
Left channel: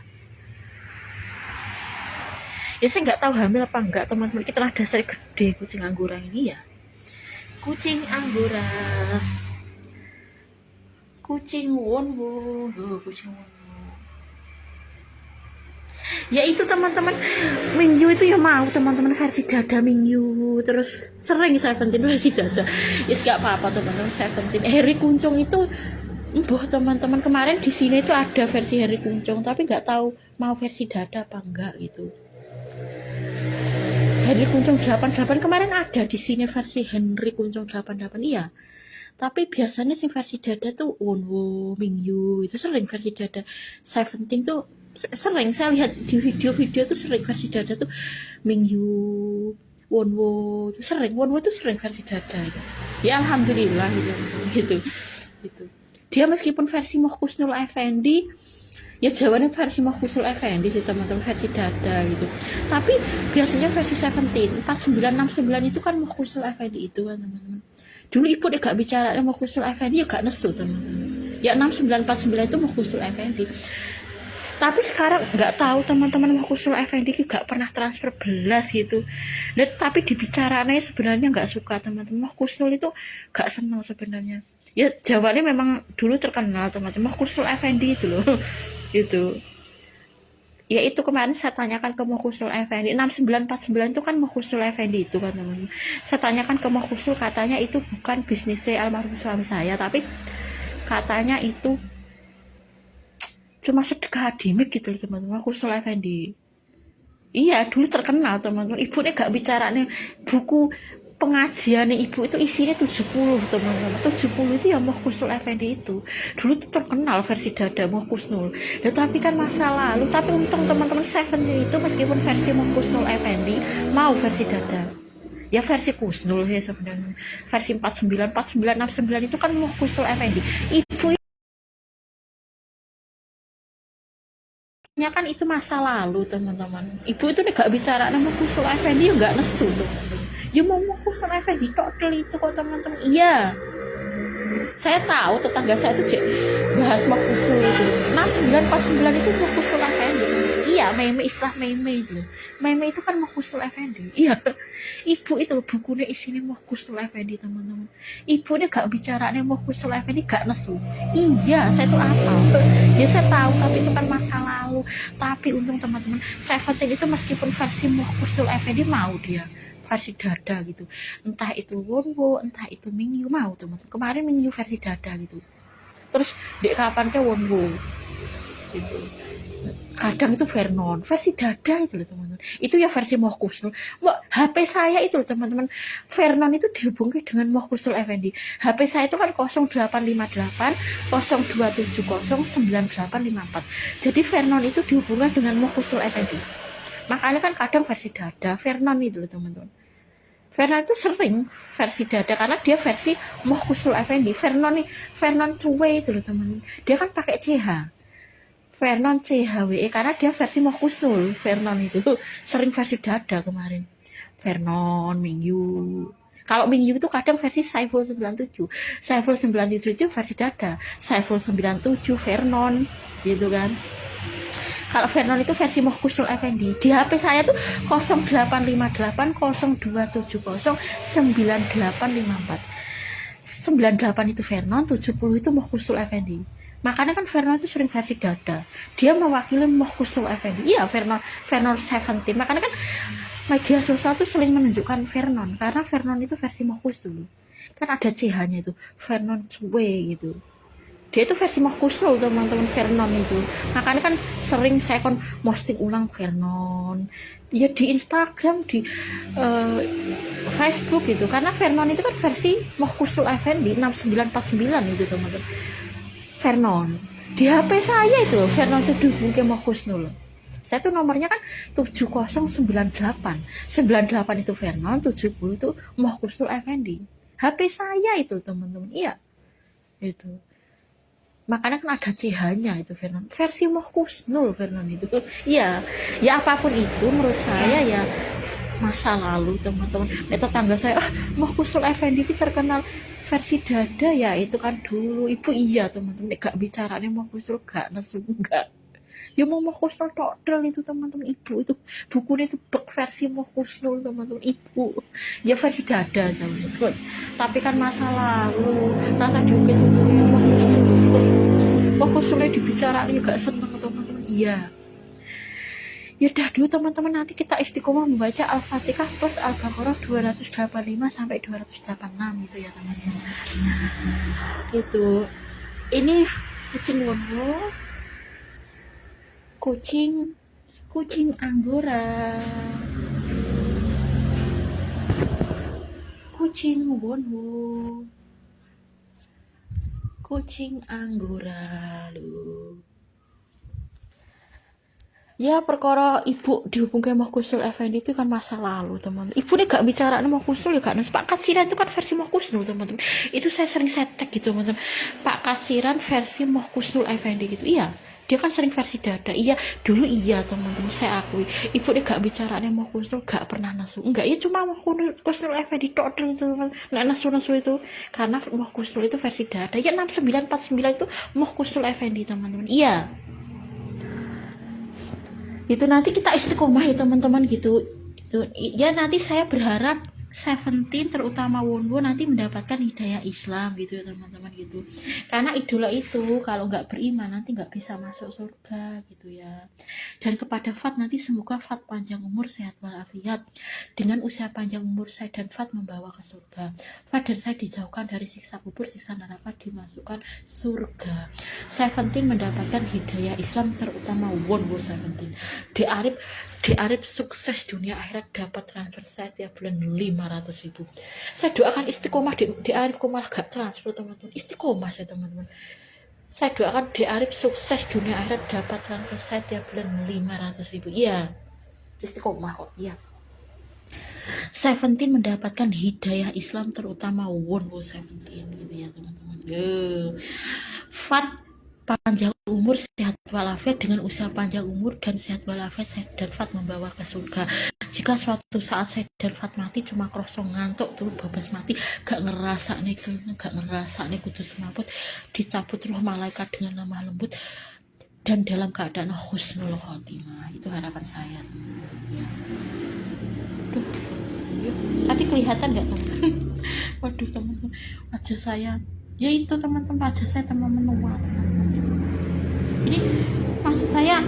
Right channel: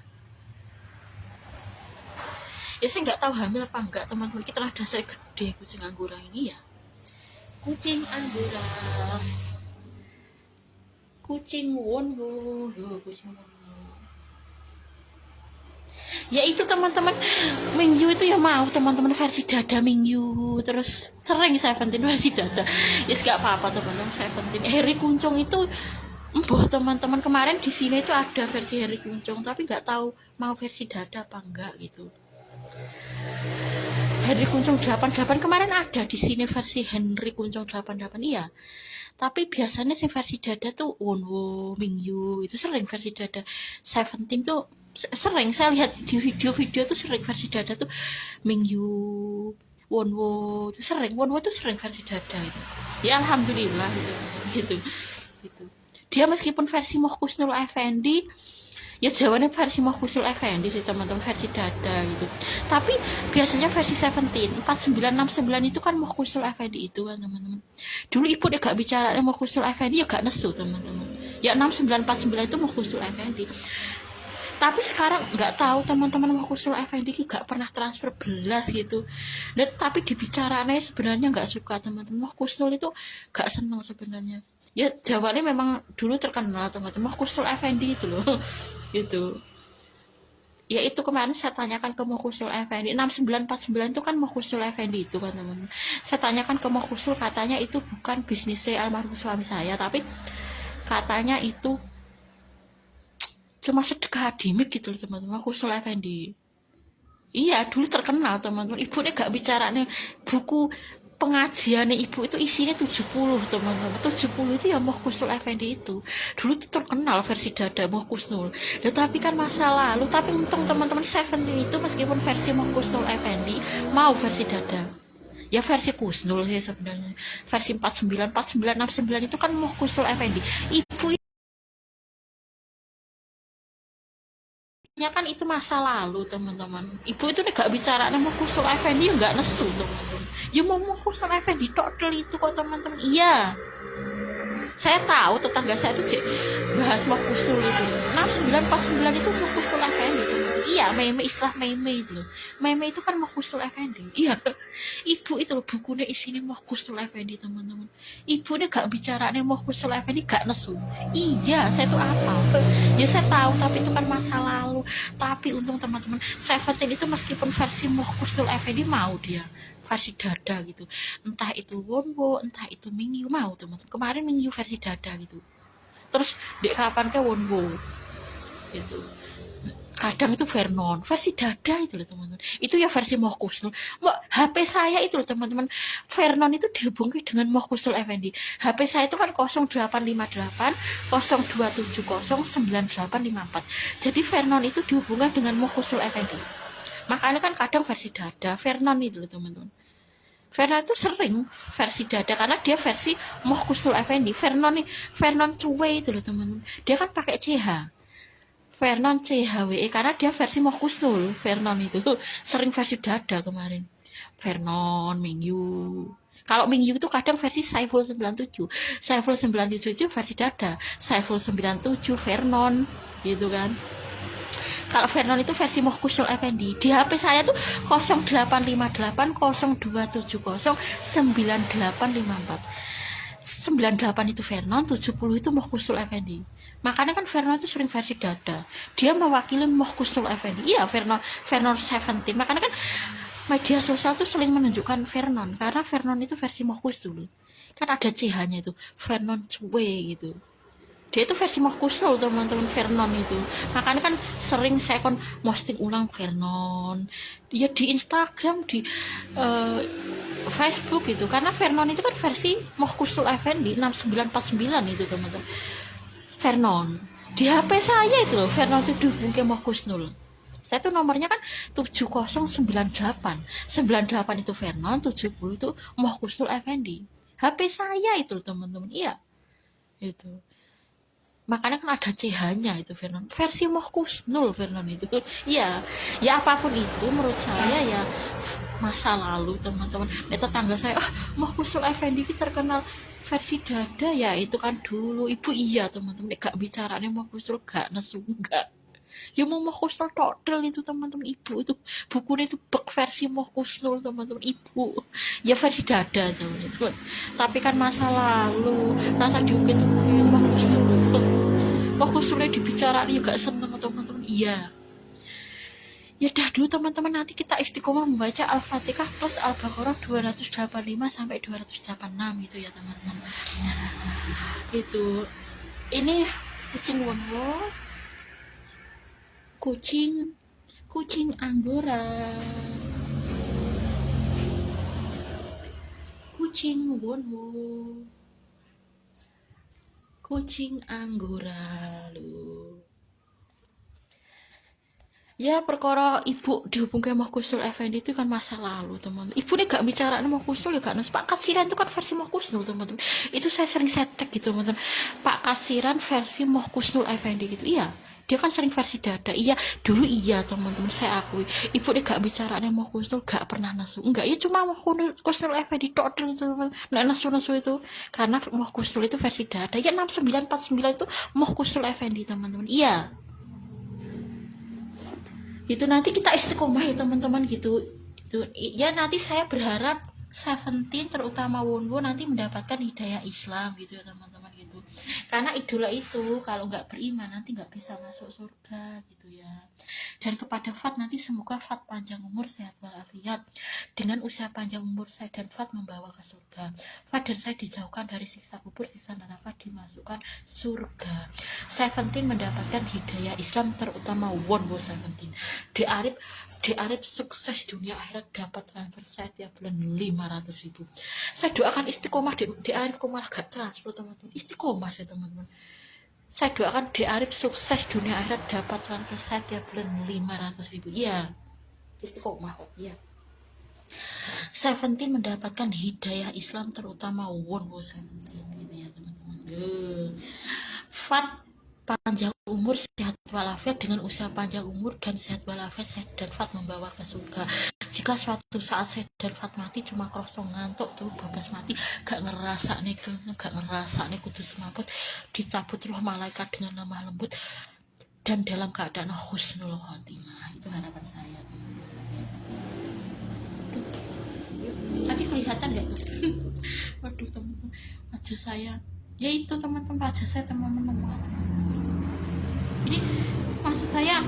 Ya saya nggak tahu hamil apa enggak teman-teman, kita lah dasar gede kucing Anggora ini ya. Kucing Anggora, kucing Wonwo loh, kucing Wonwo. Ya itu teman-teman, Mingyu itu ya mau teman-teman versi dada Mingyu, terus sering Seventeen versi dada. Ya nggak apa-apa teman-teman, Seventeen Harry Kuncung itu teman-teman kemarin di sini itu ada versi Harry Kuncung, tapi nggak tahu mau versi dada apa enggak gitu. Henry Kuncung 88 kemarin ada di sini versi Henry Kuncung 88, iya. Tapi biasanya sing versi dada tuh Wonwo, Mingyu itu sering versi dada. Seventeen tuh sering saya lihat di video-video tuh sering versi dada tuh Mingyu, Wonwo itu sering. Wonwo tuh sering versi dada itu. Ya alhamdulillah gitu. Gitu. Dia meskipun versi Muhkusnul Effendi ya jawabannya versi Muhkusnul Effendi sih teman-teman, versi dada gitu. Tapi biasanya versi 17 4969 itu kan Muhkusnul Effendi itu kan teman-teman. Dulu ibu dia gak bicara Muhkusnul Effendi ya gak nesu teman-teman. Ya 6949 itu Muhkusnul Effendi. Tapi sekarang nggak tahu teman-teman Muhkusnul Effendi gak pernah transfer belas gitu. Dan tapi dibicaraannya sebenarnya nggak suka teman-teman. Muhkusnul itu gak senang sebenarnya. Ya jawabannya memang dulu terkenal teman-teman Muhkusnul Effendi itu loh. Gitu. Ya itu kemarin saya tanyakan ke Muhkusnul Effendi 6949 itu kan Muhkusnul Effendi itu kan teman-teman. Saya tanyakan ke Muhkusnul, katanya itu bukan bisnisnya almarhum suami saya, tapi katanya itu cuma sedekah hadimik gitu loh teman-teman. Muhkusnul Effendi iya dulu terkenal teman-teman. Ibu nih gak bicara nih buku pengajian nih ibu itu isinya 70 teman-teman. 70 itu ya Muhkusnul Effendi itu dulu tuh terkenal versi dada Muhkusnul. Nah tapi kan masa lalu, tapi untung teman-teman Seventeen itu meskipun versi Muhkusnul Effendi mau versi dada ya versi Kusnul ya sebenarnya. Versi 49 49 69 itu kan Muhkusnul Effendi. Ibu kan itu masa lalu teman-teman. Ibu itu gak bicara nama Muhkusnul Effendi nggak nesu teman-teman. Ya mau Muhkusnul Effendi total itu kok teman-teman. Iya saya tahu tetangga saya itu bahas Muhkusnul itu 6949 itu Muhkusnul Effendi. Iya Meme istilah Meme itu. Meme itu kan Muhkusnul Effendi. Iya ibu itu bukunya isinya Muhkusnul Effendi teman-teman. Ibu dia gak bicara nih Muhkusnul Effendi gak nesu. Iya saya tuh apa ya saya tahu, tapi itu kan masa lalu. Tapi untung teman-teman Seventeen itu meskipun versi Muhkusnul Effendi mau dia versi dada gitu, entah itu Wonwo entah itu Mingyu mau teman-teman. Kemarin Mingyu versi dada gitu, terus dek kapan ke Wonwo gitu. Kadang itu Vernon versi dada itu loh teman-teman. Itu ya versi Muhkusnul. HP saya itu loh teman-teman, Vernon itu dihubungkan dengan Muhkusnul Effendi. HP saya itu kan 0858 0270 9854. Jadi Vernon itu dihubungkan dengan Muhkusnul Effendi. Makanya kan kadang versi dada Vernon itu loh teman-teman. Vernon itu sering versi dada karena dia versi Muhkusnul Effendi. Vernon cuwe itu loh teman-teman. Dia kan pakai CH. Vernon CHWE karena dia versi Muhkusnul. Vernon itu sering versi dada kemarin. Vernon, Mingyu. Kalau Mingyu itu kadang versi Saiful 97. Saiful 97 itu versi dada. Saiful 97 Vernon gitu kan. Kalau Vernon itu versi Muhkusnul Effendi. Di HP saya tuh 0858 0270 9854. 98 itu Vernon, 70 itu Muhkusnul Effendi. Makanya kan Vernon itu sering versi dada. Dia mewakili Muhkusnul Effendi. Iya Vernon 17. Makanya kan media sosial tuh sering menunjukkan Vernon karena Vernon itu versi Muhkusnul. Kan ada CH-nya itu, Vernon cuwe gitu. Dia itu versi Muhkusnul teman-teman Vernon itu. Makanya kan sering saya kan posting ulang Vernon ya di Instagram, di Facebook gitu. Karena Vernon itu kan versi Muhkusnul Effendi 6949 itu teman-teman. Vernon di HP saya itu Vernon itu dihubungkan Muhkusnul. Saya tuh nomornya kan 7098 98 itu Vernon, 70 itu Muhkusnul Effendi. HP saya itu teman-teman. Iya itu. Makanya kan ada CH-nya itu Vernon, versi Muhkusnul Vernon itu. Ya apapun itu menurut saya ya masa lalu teman-teman. Tetangga saya Muhkusnul Effendi itu terkenal versi dada ya itu kan dulu. Ibu iya teman-teman gak bicaranya Muhkusnul gak nesu enggak. Ya mau Muhkusnul total itu teman-teman. Ibu itu bukunya itu versi Muhkusnul teman-teman. Ibu ya versi dada zaman itu. Tapi kan masa lalu rasa juga itu Muhkusnulnya dibicarain ya gak seneng teman-teman. Iya ya udah dulu teman-teman, nanti kita istiqomah membaca Al-Fatihah plus Al-Baqarah 285 sampai 286 itu ya teman-teman. Itu ini kucing Wonwo, kucing Anggora. kucing wonwo, kucing anggora lu. Ya perkara ibu dihubungkan Moh Kusnul Effendi itu kan masa lalu teman. Ibu nih gak bicara Moh Kusnul ya gak nus. Pak Kasiran itu kan versi Moh Kusnul teman-teman. Itu saya sering setek gitu teman-teman. Pak Kasiran versi Moh Kusnul Effendi gitu. Iya, dia kan sering versi dada. Iya, dulu iya teman-teman, saya akui. Ibu nih gak bicara Moh Kusnul, gak pernah nasu. Enggak, ya cuma Moh Kusnul Effendi tok itu teman. Nah, nasu-nasu itu karena Moh Kusnul itu versi dada. Ya 6949 itu Moh Kusnul Effendi teman-teman. Iya. Itu nanti kita istiqomah ya teman-teman gitu. Ya nanti saya berharap Seventeen terutama Wonwo nanti mendapatkan hidayah Islam gitu ya teman-teman gitu, karena idola itu kalau nggak beriman nanti nggak bisa masuk surga gitu ya. Dan kepada Fat nanti semoga Fat panjang umur sehat walafiat, dengan usia panjang umur saya dan Fat membawa ke surga. Fat dan saya dijauhkan dari siksa kubur, siksa neraka, dimasukkan surga. Seventeen mendapatkan hidayah Islam terutama Wonwo Seventeen. Di Arif sukses dunia akhirat, dapat transfer saya tiap bulan 500.000. Saya doakan istiqomah di Arif, kok malah gak transfer teman-teman. Istiqomah saya teman-teman. Saya doakan di Arif sukses dunia akhirat, dapat transfer saya tiap bulan 500.000. Iya, istiqomah kok. Iya. Seventeen mendapatkan hidayah Islam terutama Wonwo Seventeen gitu ya teman-teman. Fat panjang umur, sehat walafiat, dengan usia panjang umur dan sehat walafiat saya dan Fat membawa ke surga. Jika suatu saat saya dan Fat mati cuma krosong ngantuk tuh babas mati, gak ngerasa nih kudu semaput, dicabut roh malaikat dengan lemah lembut dan dalam keadaan husnul khotimah. Itu harapan saya teman-teman ya. Tadi kelihatan nggak teman-teman? Waduh teman-teman, wajah saya ya itu teman-teman, wajah saya teman menua teman-teman. Jadi maksud saya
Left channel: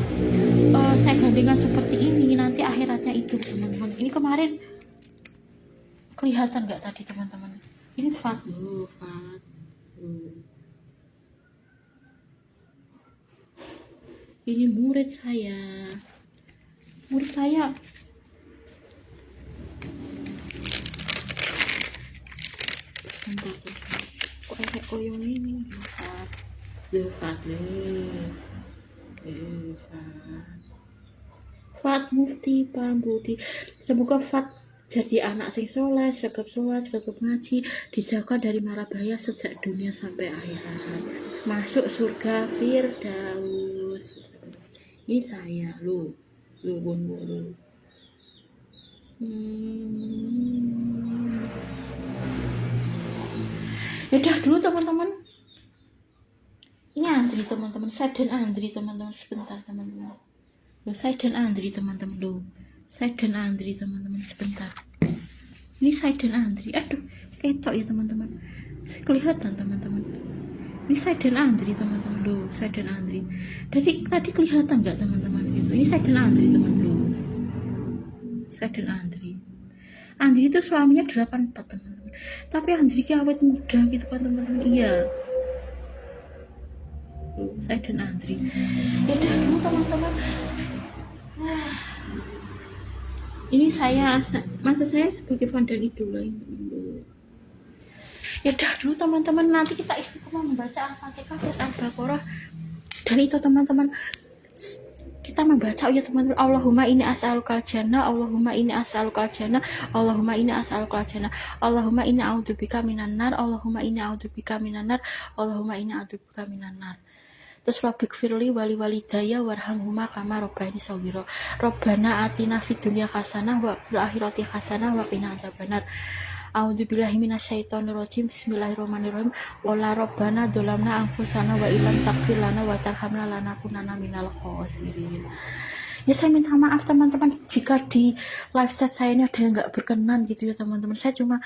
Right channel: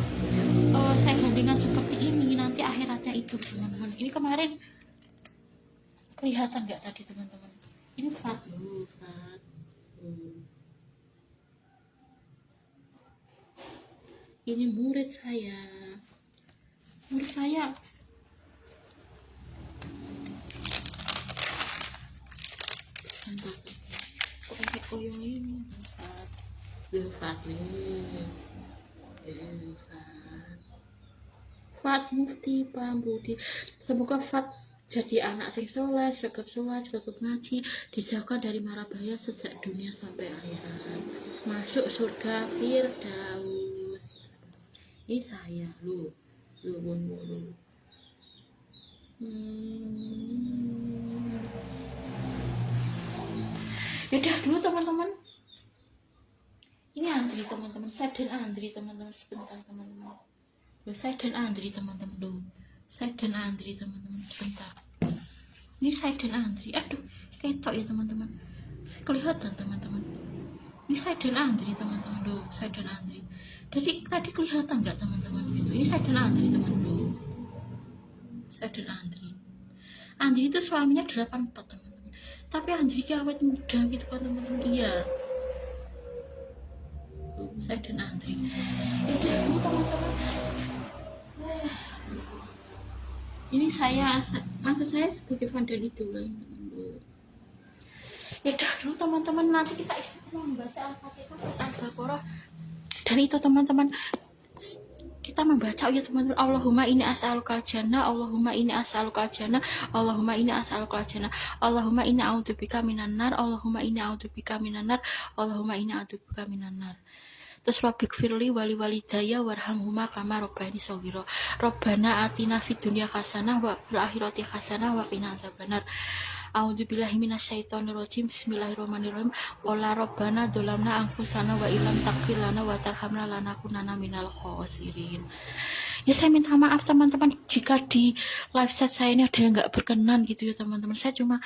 saya gandengan seperti ini nanti akhiratnya itu teman-teman. Ini kemarin kelihatan nggak tadi teman-teman? Ini Fat loh, Fat. Ini murid saya. Sebentar, kok kayak koyong ini Fat. Fat Mufti Pambudi. Semoga Fat jadi anak sing soleh, sregep ngaji, dijauhkan dari mara bahaya sejak dunia sampai akhirat, masuk surga Firdaus. Ini saya lu Wonwo. Yaudah dulu teman-teman. Ini Andri teman-teman, saya dan Andri teman-teman, sebentar teman-teman. Saya dan Andri teman-teman dulu. Saya dan Andri teman-teman, sebentar. Ini saya dan Andri. Aduh, ketok ya teman-teman. Kelihatan teman-teman. Ini saya dan Andri teman-teman dulu. Saya dan Andri. Tadi kelihatan nggak teman-teman gitu? Ini saya dan Andri teman dulu. Saya dan Andri. Andri itu suaminya 84 teman-teman. Tapi Andri awet muda gitu kan teman-teman. Iya. Saya dan Andri. Ya udah dulu teman-teman. Ini saya, maksud saya sebagai fan dan idola yang teman-teman. Ya udah dulu teman-teman, nanti kita istiqomah membaca Al-Fatihah terus Al-Baqarah. Dan itu teman-teman, kita membaca ya teman-teman. Allahumma inni as'alukal jannah, Allahumma inni as'alukal jannah, Allahumma inni as'alukal jannah, Allahumma inni a'udzubika minan nar, Allahumma inni a'udzubika minan nar, Allahumma inni a'udzubika minan nar. Terus Rabbik firli wali walidaya warhamhuma kama robbani shaghira. Rabbana atina fid dunya hasanah wa fil akhirati hasanah wa qina adzabannar. A'udzubillahi minasyaitonir rajim. Bismillahirrahmanirrahim. Wala rabbana dzalamna anfusana wa illam taghfir lana wa tarhamna lanakunanna minal khosirin. Ya saya minta maaf teman-teman jika di live chat saya ini ada yang nggak berkenan gitu ya teman-teman. Saya cuma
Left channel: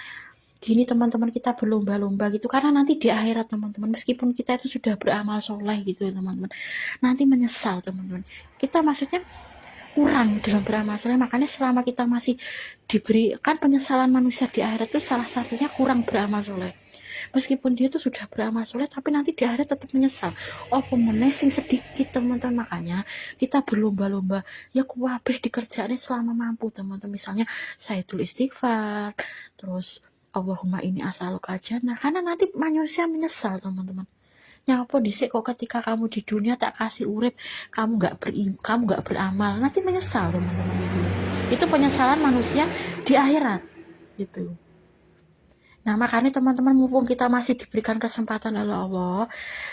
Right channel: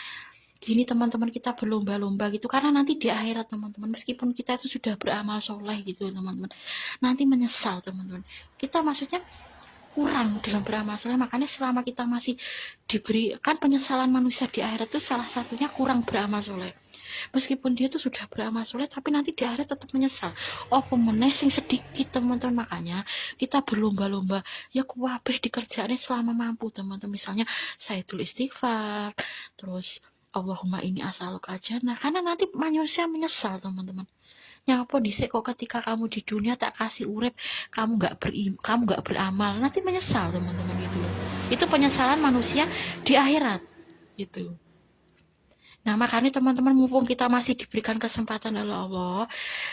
gini teman-teman, kita berlomba-lomba gitu, karena nanti di akhirat teman-teman, meskipun kita itu sudah beramal soleh gitu teman-teman, nanti menyesal teman-teman. Kita maksudnya kurang dalam beramal soleh, makanya selama kita masih diberi, kan penyesalan manusia di akhirat itu salah satunya kurang beramal soleh. Meskipun dia itu sudah beramal soleh, tapi nanti di akhirat tetap menyesal. Apa meneh sing sedikit teman-teman, makanya kita berlomba-lomba ya kuwabeh dikerjaannya selama mampu teman-teman. Misalnya saya tulis istighfar, terus Allahumma ini as'aluka jannah, karena nanti manusia menyesal teman-teman. Nyapa dhisik kok ketika kamu di dunia tak kasih urip, kamu nggak beramal, nanti menyesal teman-teman gitu. Itu penyesalan manusia di akhirat itu. Nah makanya teman-teman, mumpung kita masih diberikan kesempatan oleh Allah,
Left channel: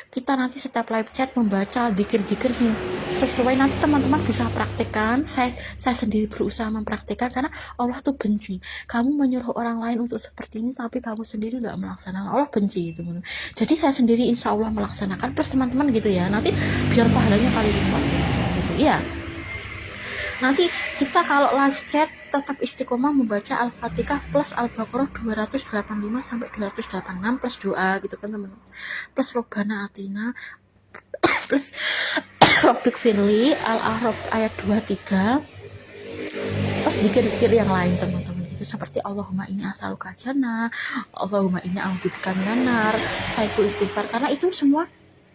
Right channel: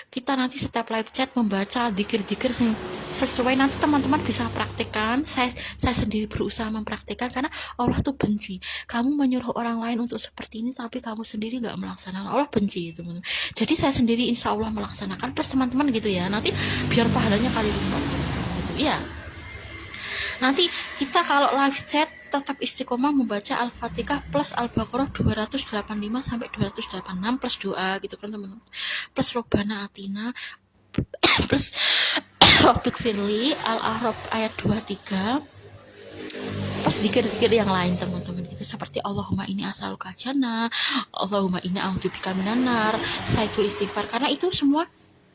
kita nanti setiap live chat membaca dikir-dikir sih sesuai, nanti teman-teman bisa praktekkan. Saya sendiri berusaha mempraktekkan, karena Allah tuh benci kamu menyuruh orang lain untuk seperti ini tapi kamu sendiri nggak melaksanakan. Allah benci teman-teman. Jadi saya sendiri insya Allah melaksanakan, plus teman-teman gitu ya, nanti biar pahalanya kali lipat gitu. Iya, nanti kita kalau live chat tetap istiqomah membaca Al-Fatihah plus Al-Baqarah 285 sampai 286 plus doa gitu kan teman-teman, plus Robbana Atina plus Rabbik Firli Al-A'raf ayat 23 plus dikir-dikir yang lain teman-teman, itu seperti Allahumma ini as'aluka jannah, Allahumma ini a'udzubika minan nar, Sayyidul Istighfar, karena itu semua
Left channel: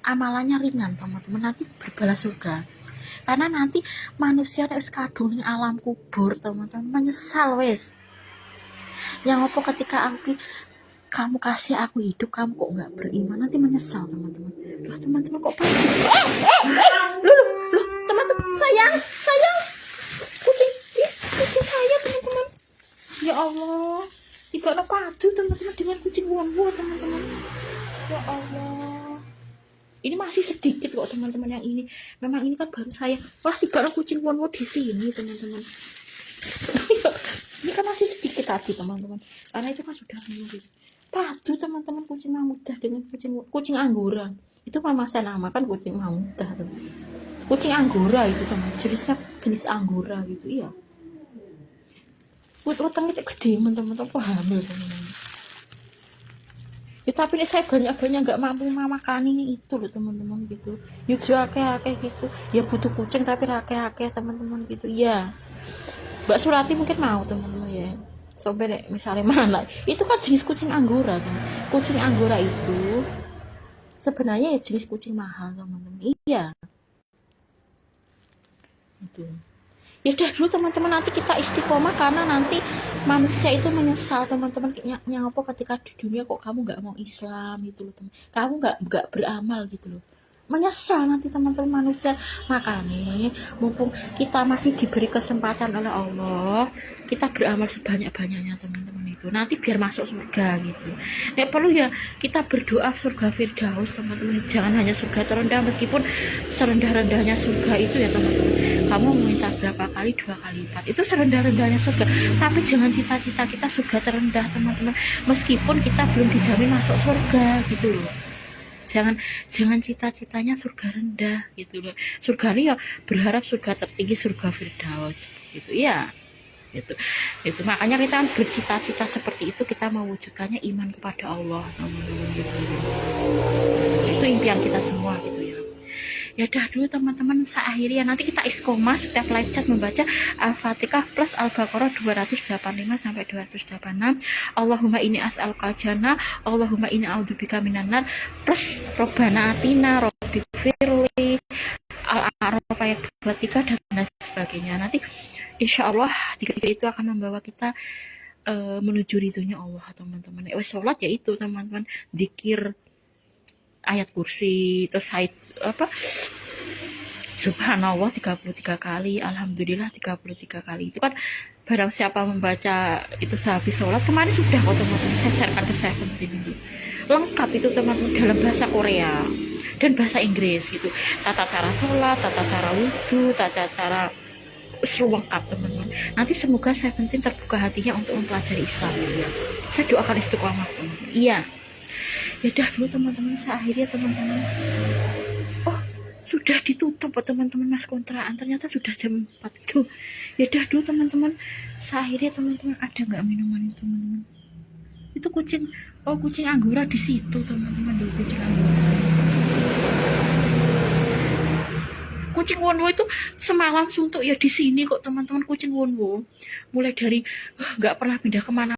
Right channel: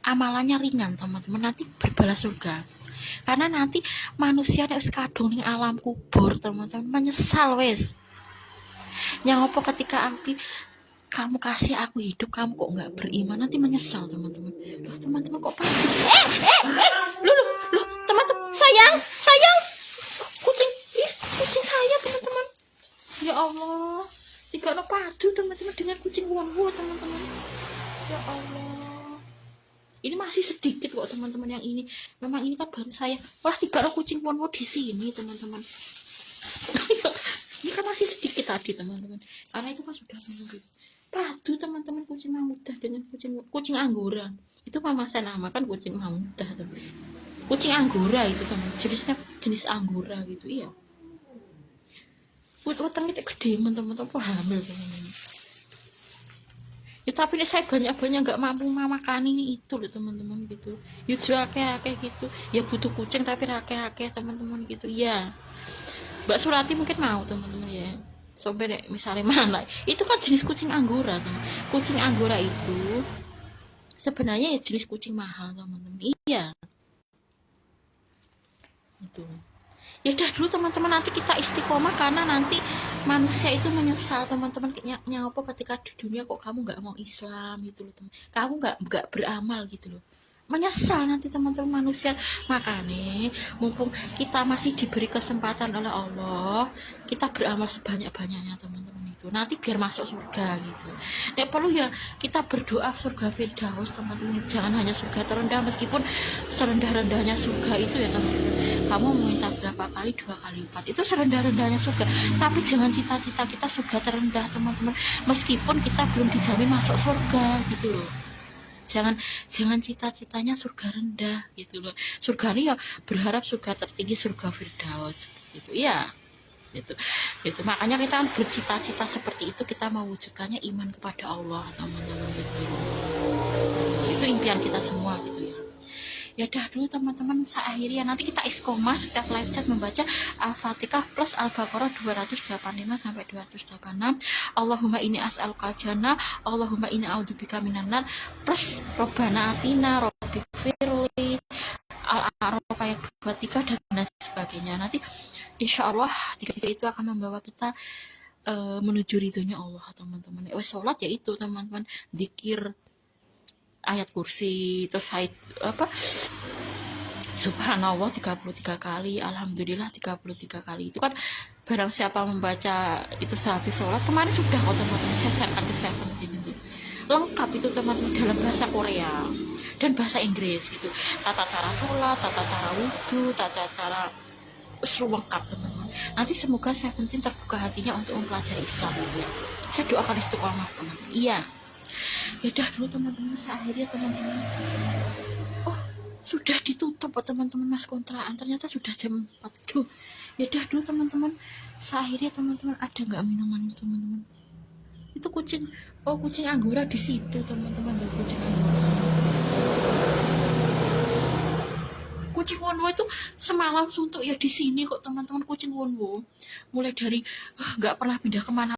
amalannya ringan teman-teman, nanti berbalas surga. Karena nanti manusia nek kadung ning alam kubur teman-teman menyesal wes. Yang apa ketika kamu kasih aku hidup, kamu kok nggak beriman, nanti menyesal teman-teman. Loh teman-teman kok pasti loh teman-teman, sayang kucing sayang teman-teman. Ya Allah, tidak padu teman-teman dengan kucing wong-wong teman-teman. Ya Allah, ini masih sedikit kok teman-teman yang ini. Memang ini kan baru saya. Wah, tiba kucing wonwo di sini teman-teman. Ini kan masih sedikit tadi teman-teman. Karena itu kan sudah menurut. Padu teman-teman kucing mamudah dengan kucing anggora. Itu mama saya namakan kucing mamudah tuh. Kucing anggora itu teman. Jenis anggora gitu. Iya. Utang itu gede teman-teman. Aku hamil teman-teman. Ya tapi ini saya banyak-banyak nggak mampu makan ini itu loh teman-teman gitu. Ya jual kayak gitu. Ya butuh kucing tapi rakyat teman-teman gitu. Ya Mbak Surati mungkin mau teman-teman ya. Sampai deh misalnya mana. Itu kan jenis kucing anggora teman. Kucing anggora itu sebenarnya ya jenis kucing mahal teman-teman. Iya. Itu. Ya udah dulu teman-teman, nanti kita istiqomah, karena nanti manusia itu menyesal teman-teman. Yang apa ketika di dunia kok kamu nggak mau Islam gitu loh teman, kamu nggak beramal gitu loh, menyesal nanti teman-teman manusia. Makanya mumpung kita masih diberi kesempatan oleh Allah, kita beramal sebanyak-banyaknya teman-teman, itu nanti biar masuk surga gitu. Nek perlu ya kita berdoa surga Firdaus teman-teman, jangan hanya surga terendah, meskipun serendah-rendahnya surga itu ya teman-teman, kamu minta berapa kali, 2 kali lipat, itu serendah-rendahnya surga. Tapi jangan cita-cita kita surga terendah teman-teman, meskipun kita belum dijamin masuk surga gitu loh. Jangan cita-citanya surga rendah gitu loh. Surga ini ya berharap surga tertinggi, surga Firdaus gitu ya. Itu makanya kita kan bercita-cita seperti itu, kita mewujudkannya iman kepada Allah teman-teman gitu. Itu impian kita semua gitu ya. Ya udah dulu teman-teman, akhirnya nanti kita istiqomah setiap live chat membaca Al-Fatihah plus Al-Baqarah 285 sampai 286, Allahumma ini as'aluka jannah, Allahumma ini a'udzubika minan nar, plus Robbana Atina, Rabbik Firli, Al-A'raf ayat 23 dan lain sebagainya. Nanti insya Allah tiga-tiga itu akan membawa kita menuju ridhonya Allah teman-teman. Sholat ya itu teman-teman, zikir ayat kursi, terus subhanallah 33 kali, alhamdulillah 33 kali. Itu kan barang siapa membaca itu sehabis sholat, kemarin sudah teman-teman saya sharekan ke 17 itu lengkap itu teman-teman, dalam bahasa Korea dan bahasa Inggris gitu, tata cara sholat, tata cara wudhu, tata cara lengkap teman-teman. Nanti semoga 17 terbuka hatinya untuk mempelajari Islam ya. Saya doakan istiqomah teman-teman. Iya. Ya udah dulu teman-teman, akhirnya teman-teman, oh sudah ditutup teman-teman mas kontrakan, ternyata sudah jam 4 itu. Ya udah dulu teman-teman, akhirnya teman-teman, ada nggak minuman itu teman-teman? Itu kucing anggora di situ teman-teman, di kucing anggora. Kucing wonwo itu semalam suntuk ya di sini kok teman-teman, kucing wonwo mulai dari nggak pernah pindah kemana